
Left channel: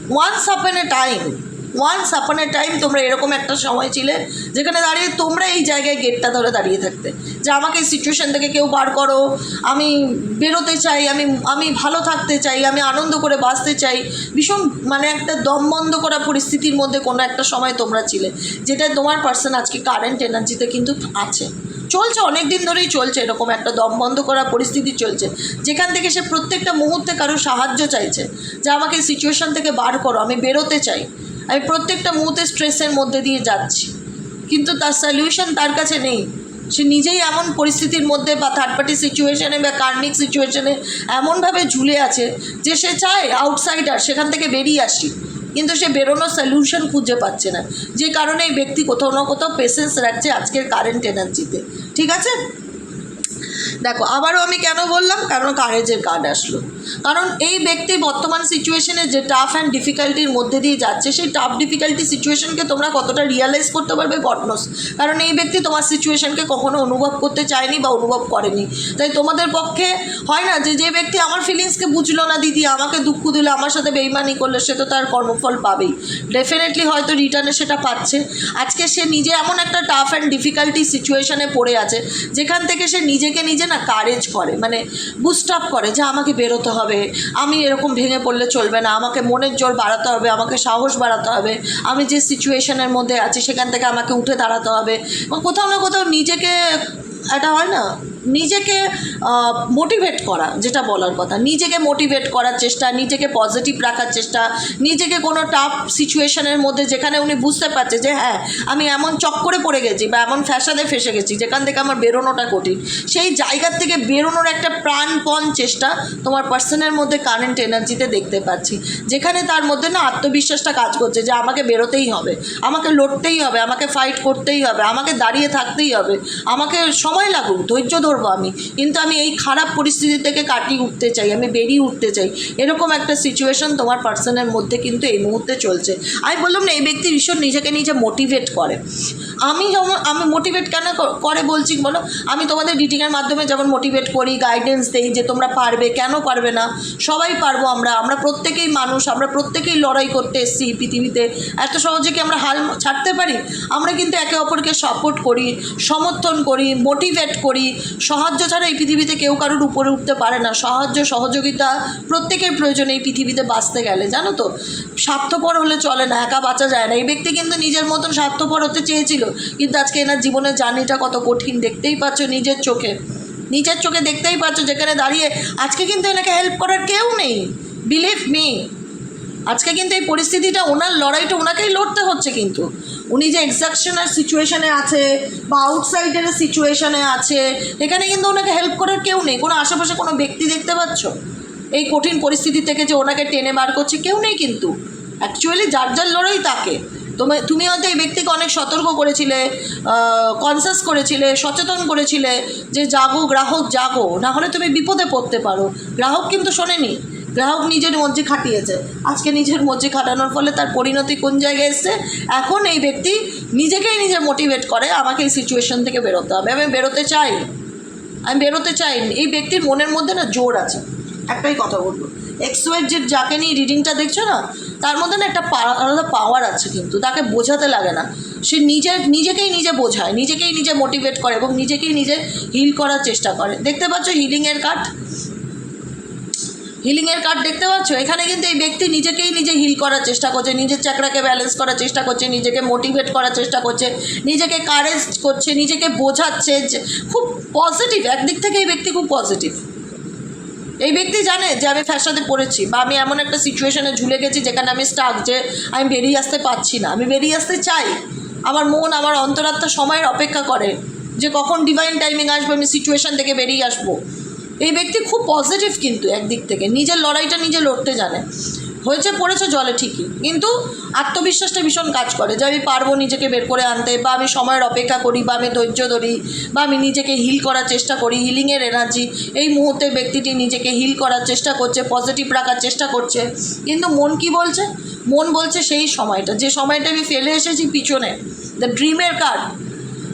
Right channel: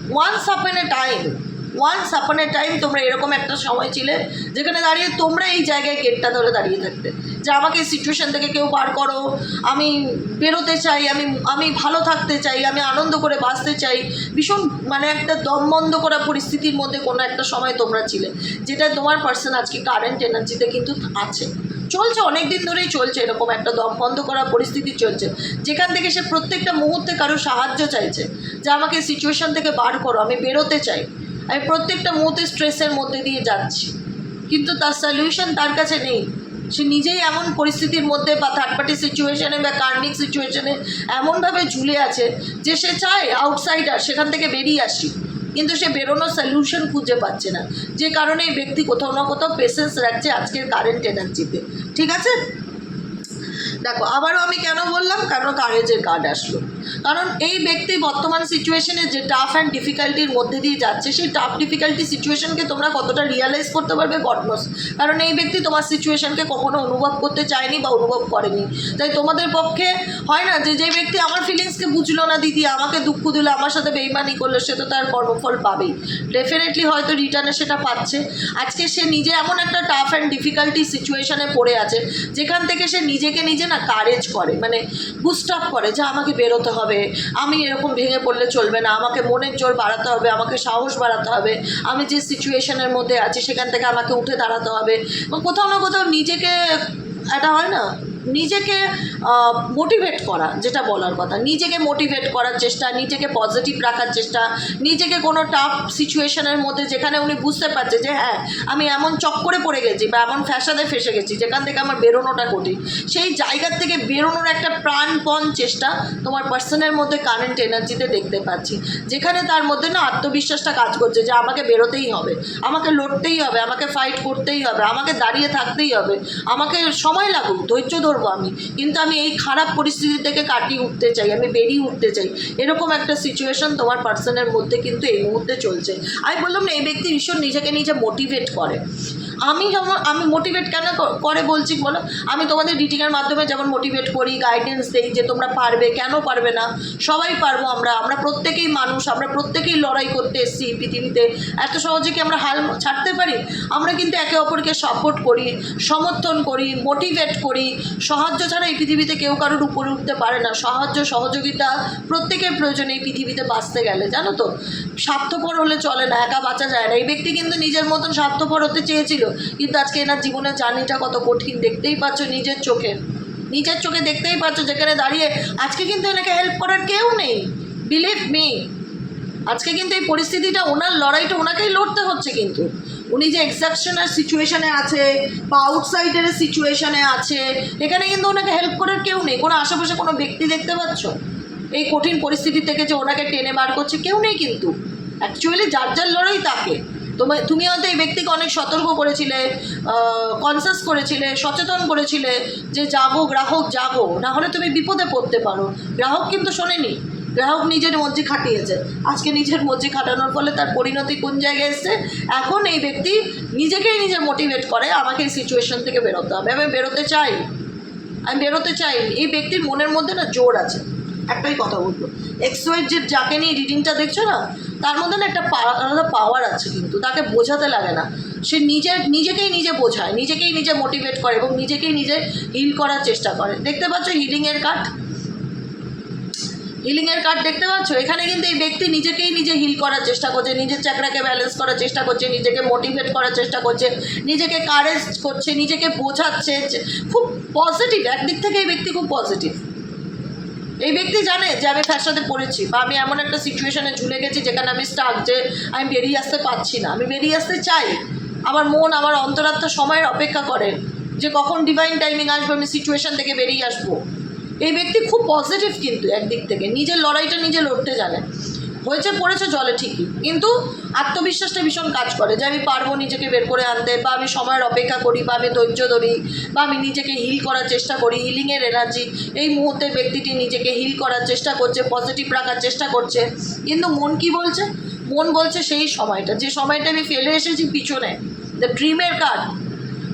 A: Once upon a time once upon a time তোমরা এরকম একটা সময় ছিলে যেখানে দাঁড়িয়ে তোমরা এই জায়গায় গেটটা ধরে দাঁড়িয়ে থাকতে। যে আমাকে এই সিচুয়েশান থেকে কেউ বার করো, আমি বেরোতে চাই, আমি আমি ভালো থাকতে চাই, আমি আনন্দ করে বাঁচতে চাই, ভীষণ মানে একটা দম বন্ধ করা পরিস্থিতির মধ্যে কোনো একটা সময় তোমরা ছিলে। যেটা তোমার পার্সন আজকে কারেন্ট এনার্জিতে কিন্তু আছে। চলছে অনেক দিন ধরেই চলছে এরকম একটা দম বন্ধ করা পরিস্থিতি চলছে। যেখান থেকে সে প্রত্যেকটা মুহূর্তে কারও সাহায্য চাইছে। যে আমাকে সিচুয়েশান থেকে বার করো, আমি বেরোতে চাই। আমি প্রত্যেকটা মুহূর্তে স্ট্রেসের মধ্যে দিয়ে যাচ্ছি। কিন্তু তার সলিউশন তার কাছে নেই। সে নিজেই এমন পরিস্থিতির মধ্যে বা থার্ড পার্টি সিচুয়েশনে বা কার্মিক সিচুয়েশনে এমনভাবে ঝুলে আছে যে সে চায় আউটসাইডার সেখান থেকে বেরিয়ে আসি। কিন্তু সে বেরোনোর সলিউশন খুঁজে পাচ্ছে না। যে কারণে এই ব্যক্তি কোথাও না কোথাও পেশেন্স রাখছে আজকের কারেন্ট এনার্জিতে ঠিক আছে? দেখো, আবারও আমি কেন বললাম? কারণ কারেজের কার্ড আসলো। কারণ এই ব্যক্তি বর্তমান সিচুয়েশনে যে টাফ অ্যান্ড ডিফিকাল্টির মধ্যে দিয়ে যাচ্ছে, সেই টাফ ডিফিকাল্টি সিচুয়েশনকে তোমরা কতটা রিয়ালাইজ করতে পারবে? গডনোস কারণ এই ব্যক্তি তোমার সিচুয়েশনকে কখনো অনুভব করতে চায়নি বা অনুভব করেনি। তাই তোমাদের পক্ষে হয় না যে যে ব্যক্তি আমার ফিলিংসকে বুঝলো না, দিদি, আমাকে দুঃখ দিল, আমার সাথে বেইমানি করল, সে তো তার কর্মফল পাবেই। ডেফিনেটলি হয়তো রিটার্নে সেটা পাচ্ছে। আজকে সে নিজে এমন একটা টাফ অ্যান্ড ডিফিকাল্টি সিচুয়েশনে পড়ে আছে, যেখান থেকে সে নিজেকে নিজে না কারেজ করে মানে বুস্ট আপ করে যে, আমাকে বেরোতে হবে। আমি এরকম ভেঙে পড়লে চলবে না। আমাকে মনের জোর বাড়াতে হবে, আমাকে সাহস বাড়াতে হবে। আমি যে সিচুয়েশনের মধ্যে আছি, সেখান থেকে আমাকে উঠে দাঁড়াতে হবে। কোথাও না কোথাও নিজেকে একটা হয় না? নিজেকে মোটিভেট করা, যেটা বলার কথা। নিজেকে মোটিভেট করার চেষ্টা, নিজেকে পজিটিভ রাখার চেষ্টা, নিজেকে কোনো টাফ সিচুয়েশনের মধ্যে যেখানে উনি বুঝতে পারছে যে হ্যাঁ আমি এমন চক্করে পড়ে গেছি বা এমন ফ্যাসাদে ফেসে গেছি, যেখান থেকে আমার বেরোনোটা কঠিন। সেই জায়গার থেকে বেরোনোর একটা প্রাণপণ চেষ্টা তোমার পার্সনের মধ্যে কারেন্ট এনার্জিতে দেখতে পাচ্ছি। যেখানে তার মধ্যে না আত্মবিশ্বাসটা কাজ করছে যে, আমাকে বেরোতেই হবে, আমাকে লড়তেই হবে, আমাকে ফাইট করতেই হবে, আমাকে দাঁড়িয়ে থাকতেই হবে, আমাকে সময় লাগুক, ধৈর্য ধরবো আমি। কিন্তু আমি এই খারাপ পরিস্থিতি থেকে কাটিয়ে উঠতে চাই, আমি বেরিয়ে উঠতে চাই। এরকম একটা সিচুয়েশন তোমার পার্সনের মধ্যে কিন্তু এই মুহূর্তে চলছে। আমি বললাম না, এই ব্যক্তি ভীষণ নিজেকে নিজে মোটিভেট করে। আমি যেমন আমি মোটিভেট কেন করে বলছি বলো? আমি তোমাদের রিডিংয়ের মাধ্যমে যেমন মোটিভেট করি গাইডেন্স দিই যে তোমরা পারবে, কেন পারবে না? সবাই পারব আমরা। আমরা প্রত্যেকেই মানুষ, আমরা প্রত্যেকেই লড়াই করতে এসেছি পৃথিবীতে। এত সহজে কি আমরা হাল ছাড়তে পারি? আমরা কিন্তু একে অপরকে সাপোর্ট করি, সমর্থন করি মোটিভেট করি। সাহায্য ছাড়া এই পৃথিবীতে কেউ কারোর উপরে উঠতে পারে না। সাহায্য, সহযোগিতা প্রত্যেকের প্রয়োজন এই পৃথিবীতে বাঁচতে গেলে, জানো তো? স্বার্থপর হলে চলে না, একা বাঁচা যায় না। এই ব্যক্তি কিন্তু নিজের মতন স্বার্থপর হতে চেয়েছিল। কিন্তু আজকে এনার জীবনের জার্নিটা কত কঠিন দেখতেই পাচ্ছ নিজের চোখে। নিজের চোখে দেখতেই পাচ্ছ যেখানে দাঁড়িয়ে আজকে কিন্তু এনাকে হেল্প করার কেউ নেই। বিলিভ মি আজকে কিন্তু এই পরিস্থিতিটা, ওনার লড়াইটা ওনাকেই লড়তে হচ্ছে কিন্তু। উনি যে এক্সাপশনাল সিচুয়েশনে আছে বা আউটসাইডের সিচুয়েশানে আছে, এখানে কিন্তু ওনাকে হেল্প করার কেউ নেই। কোনো আশেপাশে কোনো ব্যক্তি দেখতে পাচ্ছ? এই কঠিন পরিস্থিতি থেকে যে ওনাকে টেনে বার করছে কেউ নেই কিন্তু। অ্যাকচুয়ালি যার যার লড়াই তাকে। তুমি তুমি হয়তো এই ব্যক্তিকে অনেক সতর্ক করেছিলে কনসাস করেছিলে, সচেতন করেছিলে যে জাগো, গ্রাহক জাগো না হলে তুমি বিপদে পড়তে পারো। গ্রাহক কিন্তু শোনেনি। গ্রাহক নিজের মধ্যে খাটিয়েছে। আজকে নিজের মধ্যে খাটানোর ফলে তার পরিণতি কোন জায়গায় এসছে? এখন এই ব্যক্তি নিজেকেই নিজে মোটিভেট করে, আমাকে এই সিচুয়েশন থেকে বেরোতে হবে। আমি বেরোতে চাই। আমি বেরোতে চাই। এই ব্যক্তির মনের মধ্যে না জোর আছে। একটাই কথা বলব। এক্সওয়ের যে যাকে নিয়ে রিডিংটা দেখছ না তার মধ্যে না একটা আলাদা পাওয়ার আছে কিন্তু, তাকে বোঝাতে লাগে না। সে নিজের, নিজেকেই নিজে বোঝায়, নিজেকেই নিজে মোটিভেট করে এবং নিজেকেই নিজে হিল করার চেষ্টা করে। দেখতে পাচ্ছ হিলিংয়ের কাঠ হিলিংয়ের কার্ড দেখতে পাচ্ছ? এখানে কিন্তু এই ব্যক্তি নিজেকেই নিজে হিল করার চেষ্টা করছে, নিজের চাকরাকে ব্যালেন্স করার চেষ্টা করছে, নিজেকে মোটিভেট করার চেষ্টা করছে, নিজেকে কারেজ করছে, নিজেকে বোঝাচ্ছে খুব পজিটিভ একদিক থেকে এই ব্যক্তি খুব পজিটিভ এই ব্যক্তি জানে যে আমি ফ্যাশনে পড়েছি বা আমি এমন একটা সিচুয়েশনে ঝুলে গেছি যেখানে আমি স্টাক যে আমি বেরিয়ে আসতে পারছি না। আমি বেরিয়ে আসতে চাই। আমার মন, আমার অন্তরাত্মা সময়ের অপেক্ষা করে যে কখন ডিভাইন টাইমিং আসবে, আমি সিচুয়েশান থেকে বেরিয়ে আসব। এই ব্যক্তি খুব পজিটিভ কিন্তু একদিক থেকে। নিজের লড়াইটা নিজে লড়তে জানে। হয়েছে, পড়েছে জলে ঠিকই। কিন্তু আত্মবিশ্বাসটা ভীষণ কাজ করে যে আমি পারব নিজেকে বের করে আনতে, বা আমি সময়ের অপেক্ষা করি, বা আমি ধৈর্য ধরি, বা আমি নিজেকে হিল করার চেষ্টা করি হিলিংয়ের এনার্জি এই মুহূর্তে ব্যক্তিটি নিজেকে হিল করার চেষ্টা করছে পজিটিভ রাখার চেষ্টা করছে। কিন্তু মন কি বলছে? মন বলছে সেই সময়টা। যে সময়টা আমি ফেলে এসেছি পিছনে দ্য ড্রিমের কার্ড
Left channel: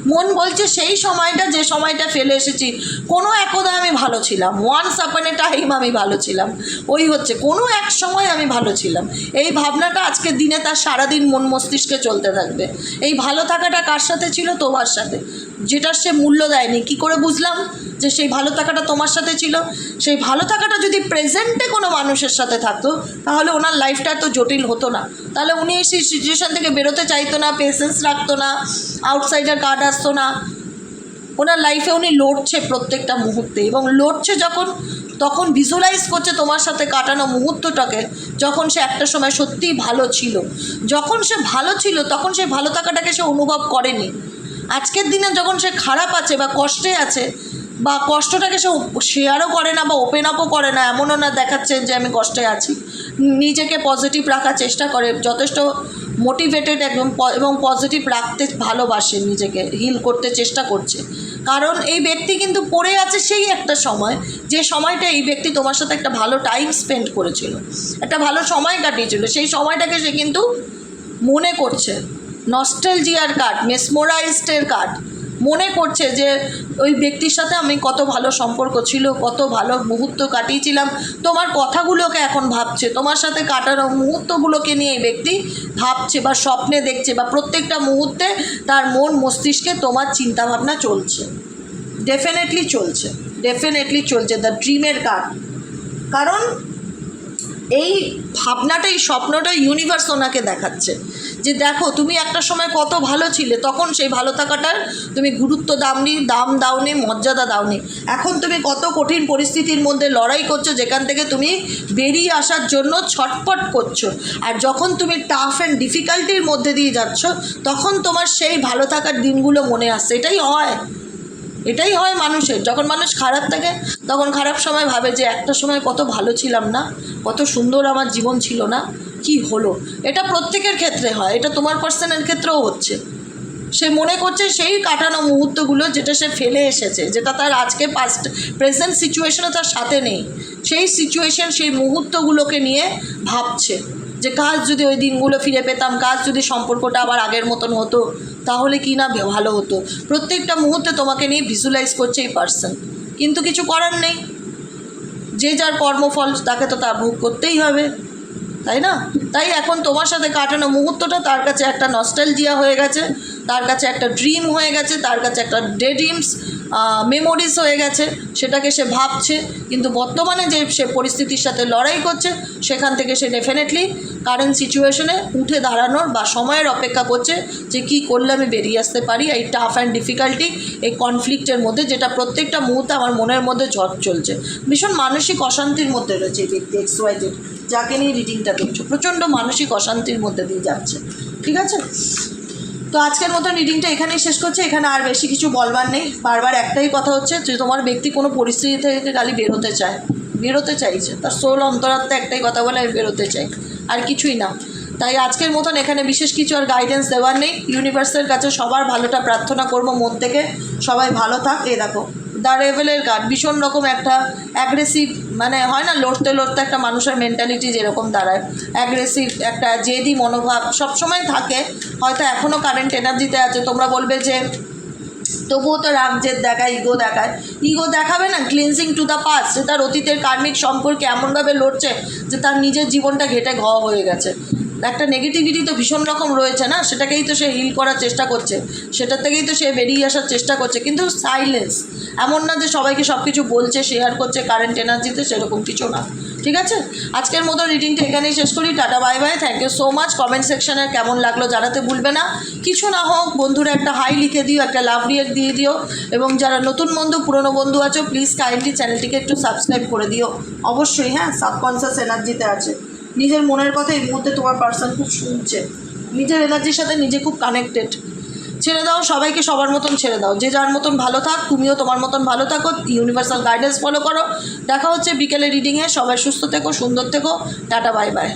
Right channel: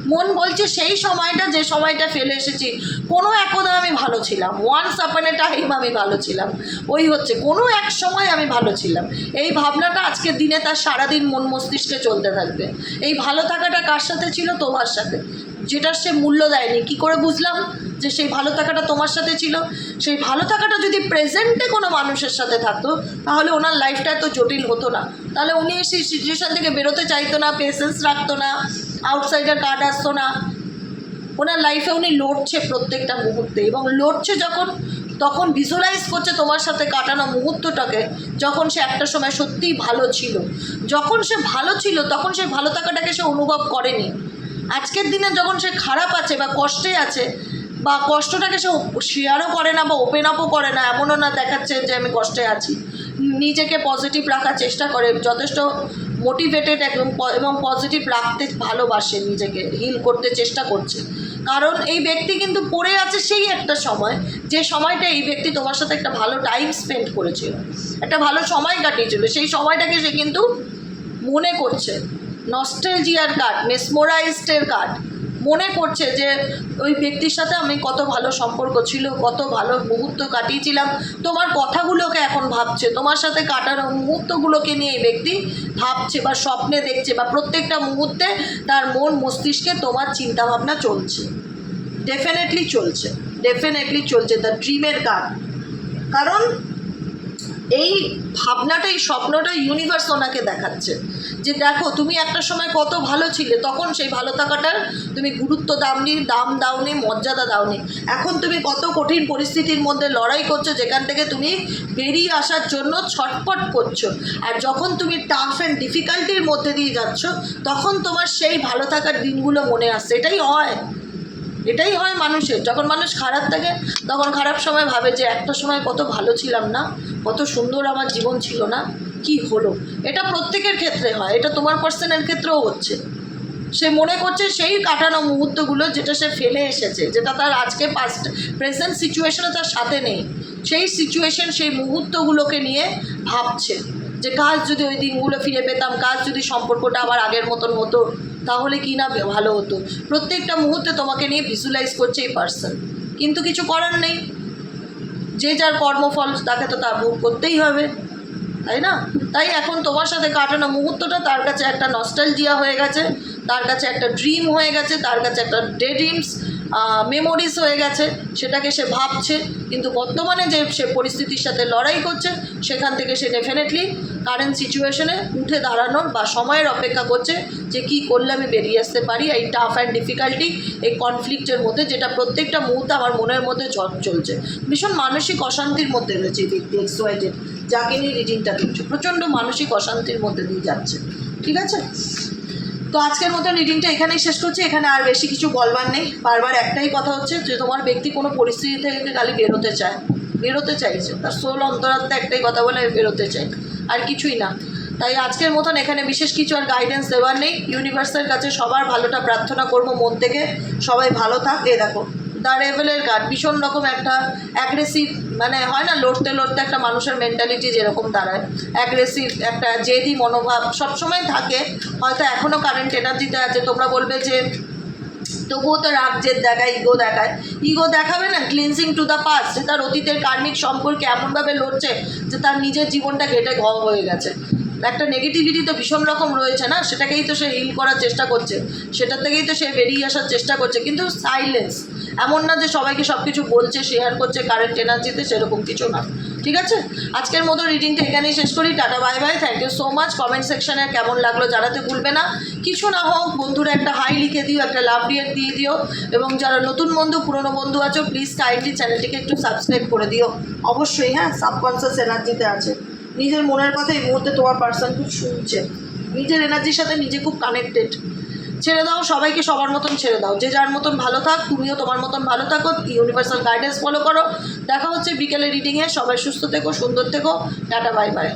A: মন বলছে সেই সময়টা, যে সময়টা ফেলে এসেছি। কোনো একদা আমি ভালো ছিলাম। ওয়ান্স আপন এ টাইম আমি ভালো ছিলাম। ওই হচ্ছে, কোনো এক সময় আমি ভালো ছিলাম। এই ভাবনাটা আজকের দিনে তার সারাদিন মন মস্তিষ্কে চলতে থাকবে। এই ভালো থাকাটা কার সাথে ছিল? তোমার সাথে। যেটা সে মূল্য দেয়নি। কি করে বুঝলাম যে সেই ভালো থাকাটা তোমার সাথে ছিল? সেই ভালো থাকাটা যদি প্রেজেন্টে কোনো মানুষের সাথে থাকতো, তাহলে ওনার লাইফটা এত জটিল হতো না। তাহলে উনি সেই সিচুয়েশান থেকে বেরোতে চাইতো না পেশেন্স রাখতো না। আউটসাইডার কার্ড আসতো না। ওনার লাইফে উনি লড়ছে প্রত্যেকটা মুহূর্তে এবং লড়ছে যখন, তখন ভিজুয়ালাইজ করছে তোমার সাথে কাটানো মুহূর্তটাকে যখন সে একটা সময় সত্যিই ভালো ছিল। যখন সে ভালো ছিল, তখন সে ভালো থাকাটাকে সে অনুভব করেনি। আজকের দিনে যখন সে খারাপ আছে বা কষ্টে আছে বা কষ্টটাকে সে শেয়ারও করে না বা ওপেন আপও করে না, এমনও না দেখাচ্ছে যে আমি কষ্টে আছি। নিজেকে পজিটিভ রাখার চেষ্টা করে, যথেষ্ট মোটিভেটেড একদম এবং পজিটিভ রাখতে ভালোবাসে নিজেকে হিল করতে চেষ্টা করছে। কারণ এই ব্যক্তি কিন্তু পড়ে আছে সেই একটা সময়, যে সময়টা এই ব্যক্তি তোমার সাথে একটা ভালো টাইম স্পেন্ড করেছিল। একটা ভালো সময় কাটিয়েছিল, সেই সময়টাকে সে কিন্তু মনে করছে। নস্টেলজিয়ার কার্ড মেসমোরাইজডের কার্ড মনে করছে যে ওই ব্যক্তির সাথে আমি কত ভালো সম্পর্ক ছিল, কত ভালো মুহূর্ত কাটিয়েছিলাম। তোমার কথাগুলোকে এখন ভাবছে, তোমার সাথে কাটানো মুহূর্তগুলোকে নিয়ে এই ব্যক্তি ভাবছে বা স্বপ্নে দেখছে বা প্রত্যেকটা মুহূর্তে তার মন মস্তিষ্কে তোমার চিন্তাভাবনা চলছে। ডেফিনেটলি চলছে ডেফিনেটলি চলছে দ্য ড্রিমের কার্ড কারণ এই ভাবনাটা, এই স্বপ্নটা ইউনিভার্স ওনাকে দেখাচ্ছে। যে দেখো, তুমি একটা সময় কত ভালো ছিলে, তখন সেই ভালো থাকাটার তুমি গুরুত্ব দাওনি, দাম দাওনি, মর্যাদা দাওনি। এখন তুমি কত কঠিন পরিস্থিতির মধ্যে লড়াই করছ, যেখান থেকে তুমি বেরিয়ে আসার জন্য ছটপট করছ। আর যখন তুমি টাফ অ্যান্ড ডিফিকাল্টির মধ্যে দিয়ে যাচ্ছ, তখন তোমার সেই ভালো থাকার দিনগুলো মনে আসছে। এটাই হয়। এটাই হয় মানুষের। যখন মানুষ খারাপ থাকে, তখন খারাপ সময় ভাবে যে, একটা সময় কত ভালো ছিলাম না, কত সুন্দর আমার জীবন ছিল না। কি হলো? এটা প্রত্যেকের ক্ষেত্রে হয়, এটা তোমার পার্সনের ক্ষেত্রেও হচ্ছে। সে মনে করছে সেই কাটানো মুহূর্তগুলো যেটা সে ফেলে এসেছে, যেটা তার আজকে পাস্ট প্রেজেন্ট সিচুয়েশনও তার সাথে নেই। সেই সিচুয়েশন সেই মুহূর্তগুলোকে নিয়ে ভাবছে যে কাজ যদি ওই দিনগুলো ফিরে পেতাম, কাজ যদি সম্পর্কটা আবার আগের মতন হতো, তাহলে কি না ভালো হতো? প্রত্যেকটা মুহূর্তে তোমাকে নিয়ে ভিজুয়ালাইজ করছে এই পার্সন কিন্তু কিছু করার নেই। যে যার কর্মফল, তাকে তো তা ভোগ করতেই হবে। তাই না? তাই এখন তোমার সাথে কাটানো মুহূর্তটা, তার কাছে একটা নস্টালজিয়া হয়ে গেছে, তার কাছে একটা ড্রিম হয়ে গেছে, তার কাছে একটা ডে ড্রিমস মেমোরিজ হয়ে গেছে, সেটাকে সে ভাবছে, কিন্তু বর্তমানে যে সে পরিস্থিতির সাথে লড়াই করছে, সেখান থেকে সে ডেফিনেটলি কারেন্ট সিচুয়েশনে উঠে দাঁড়ানোর বা সময়ের অপেক্ষা করছে যে কি করলে আমি বেরিয়ে আসতে পারি, এই টাফ অ্যান্ড ডিফিকাল্টি এই কনফ্লিক্টের মধ্যে, যেটা প্রত্যেকটা মুহূর্তে আমার মনের মধ্যে ঝড় চলছে। ভীষণ মানসিক অশান্তির মধ্যে রয়েছে এই ব্যক্তি এক্সওয়াইটেড যাকে নিয়ে রিডিংটা দেখছ প্রচণ্ড মানসিক অশান্তির মধ্যে দিয়ে যাচ্ছে। ঠিক আছে? তো আজকের মতো রিডিংটা এখানেই শেষ করছে। এখানে আর বেশি কিছু বলবার নেই। বারবার একটাই কথা হচ্ছে, যে তোমার ব্যক্তি কোনো পরিস্থিতি থেকে খালি বেরোতে চায়। বেরোতে চাইছে। তার সোল অন্তরাত্মা একটাই কথা বলে, আমি বেরোতে চাই। আর কিছুই না। তাই আজকের মতন এখানে বিশেষ কিছু আর গাইডেন্স দেওয়ার নেই। ইউনিভার্সের কাছে সবার ভালোটা প্রার্থনা করব মন থেকে। সবাই ভালো থাক। এ দেখো। দ্য রেভেলের গার্ড ভীষণ রকম একটা অ্যাগ্রেসিভ মানে হয় না, লড়তে লড়তে একটা মানুষের মেন্টালিটি যেরকম দাঁড়ায়। অ্যাগ্রেসিভ একটা জেদি মনোভাব সবসময় থাকে, হয়তো এখনও কারেন্ট এনার্জিতে আছে। তোমরা বলবে যে, তবুও তো রাগ, জেদ দেখায় ইগো দেখায়। ইগো দেখাবে না ক্লিনজিং টু দ্য পাস্ট যে তার অতীতের কার্মিক সম্পর্কে এমনভাবে লড়ছে, যে তার নিজের জীবনটা ঘেটে ঘ হয়ে গেছে। একটা নেগেটিভিটি তো ভীষণ রকম রয়েছে না? সেটাকেই তো সে হিল করার চেষ্টা করছে। সেটা থেকেই তো সে বেরিয়ে আসার চেষ্টা করছে। কিন্তু সাইলেন্স এমন না যে সবাইকে সব কিছু বলছে শেয়ার করছে কারেন্ট এনার্জিতে সেরকম কিছু না। ঠিক আছে? আজকের মতো রিডিংটা এখানেই শেষ করি। Tata bye bye thank you so much comment সেকশানে কেমন লাগল জানাতে ভুলবে না। কিছু না হোক, বন্ধুরা একটা হাই লিখে দিও, একটা লাভ রিয়েক্ট দিয়ে দিও। এবং যারা নতুন বন্ধু, পুরনো বন্ধু আছো প্লিজ কাইন্ডলি চ্যানেলটিকে একটু সাবস্ক্রাইব করে দিও। অবশ্যই হ্যাঁ সাবকনসিয়াস এনার্জিতে আছে। নিজের মনের কথা এই মুহূর্তে তোমার পার্সন খুব শুনছে। নিজের এনার্জির সাথে নিজে খুব কানেক্টেড ছেড়ে দাও, সবাইকে সবার মতন ছেড়ে দাও। যে যার মতন ভালো থাক, তুমিও তোমার মতন ভালো থাকো ইউনিভার্সাল গাইডেন্স ফলো করো। দেখা হচ্ছে বিকেলে রিডিংয়ে সবাই সুস্থ থেকো, সুন্দর থেকো। Tata bye by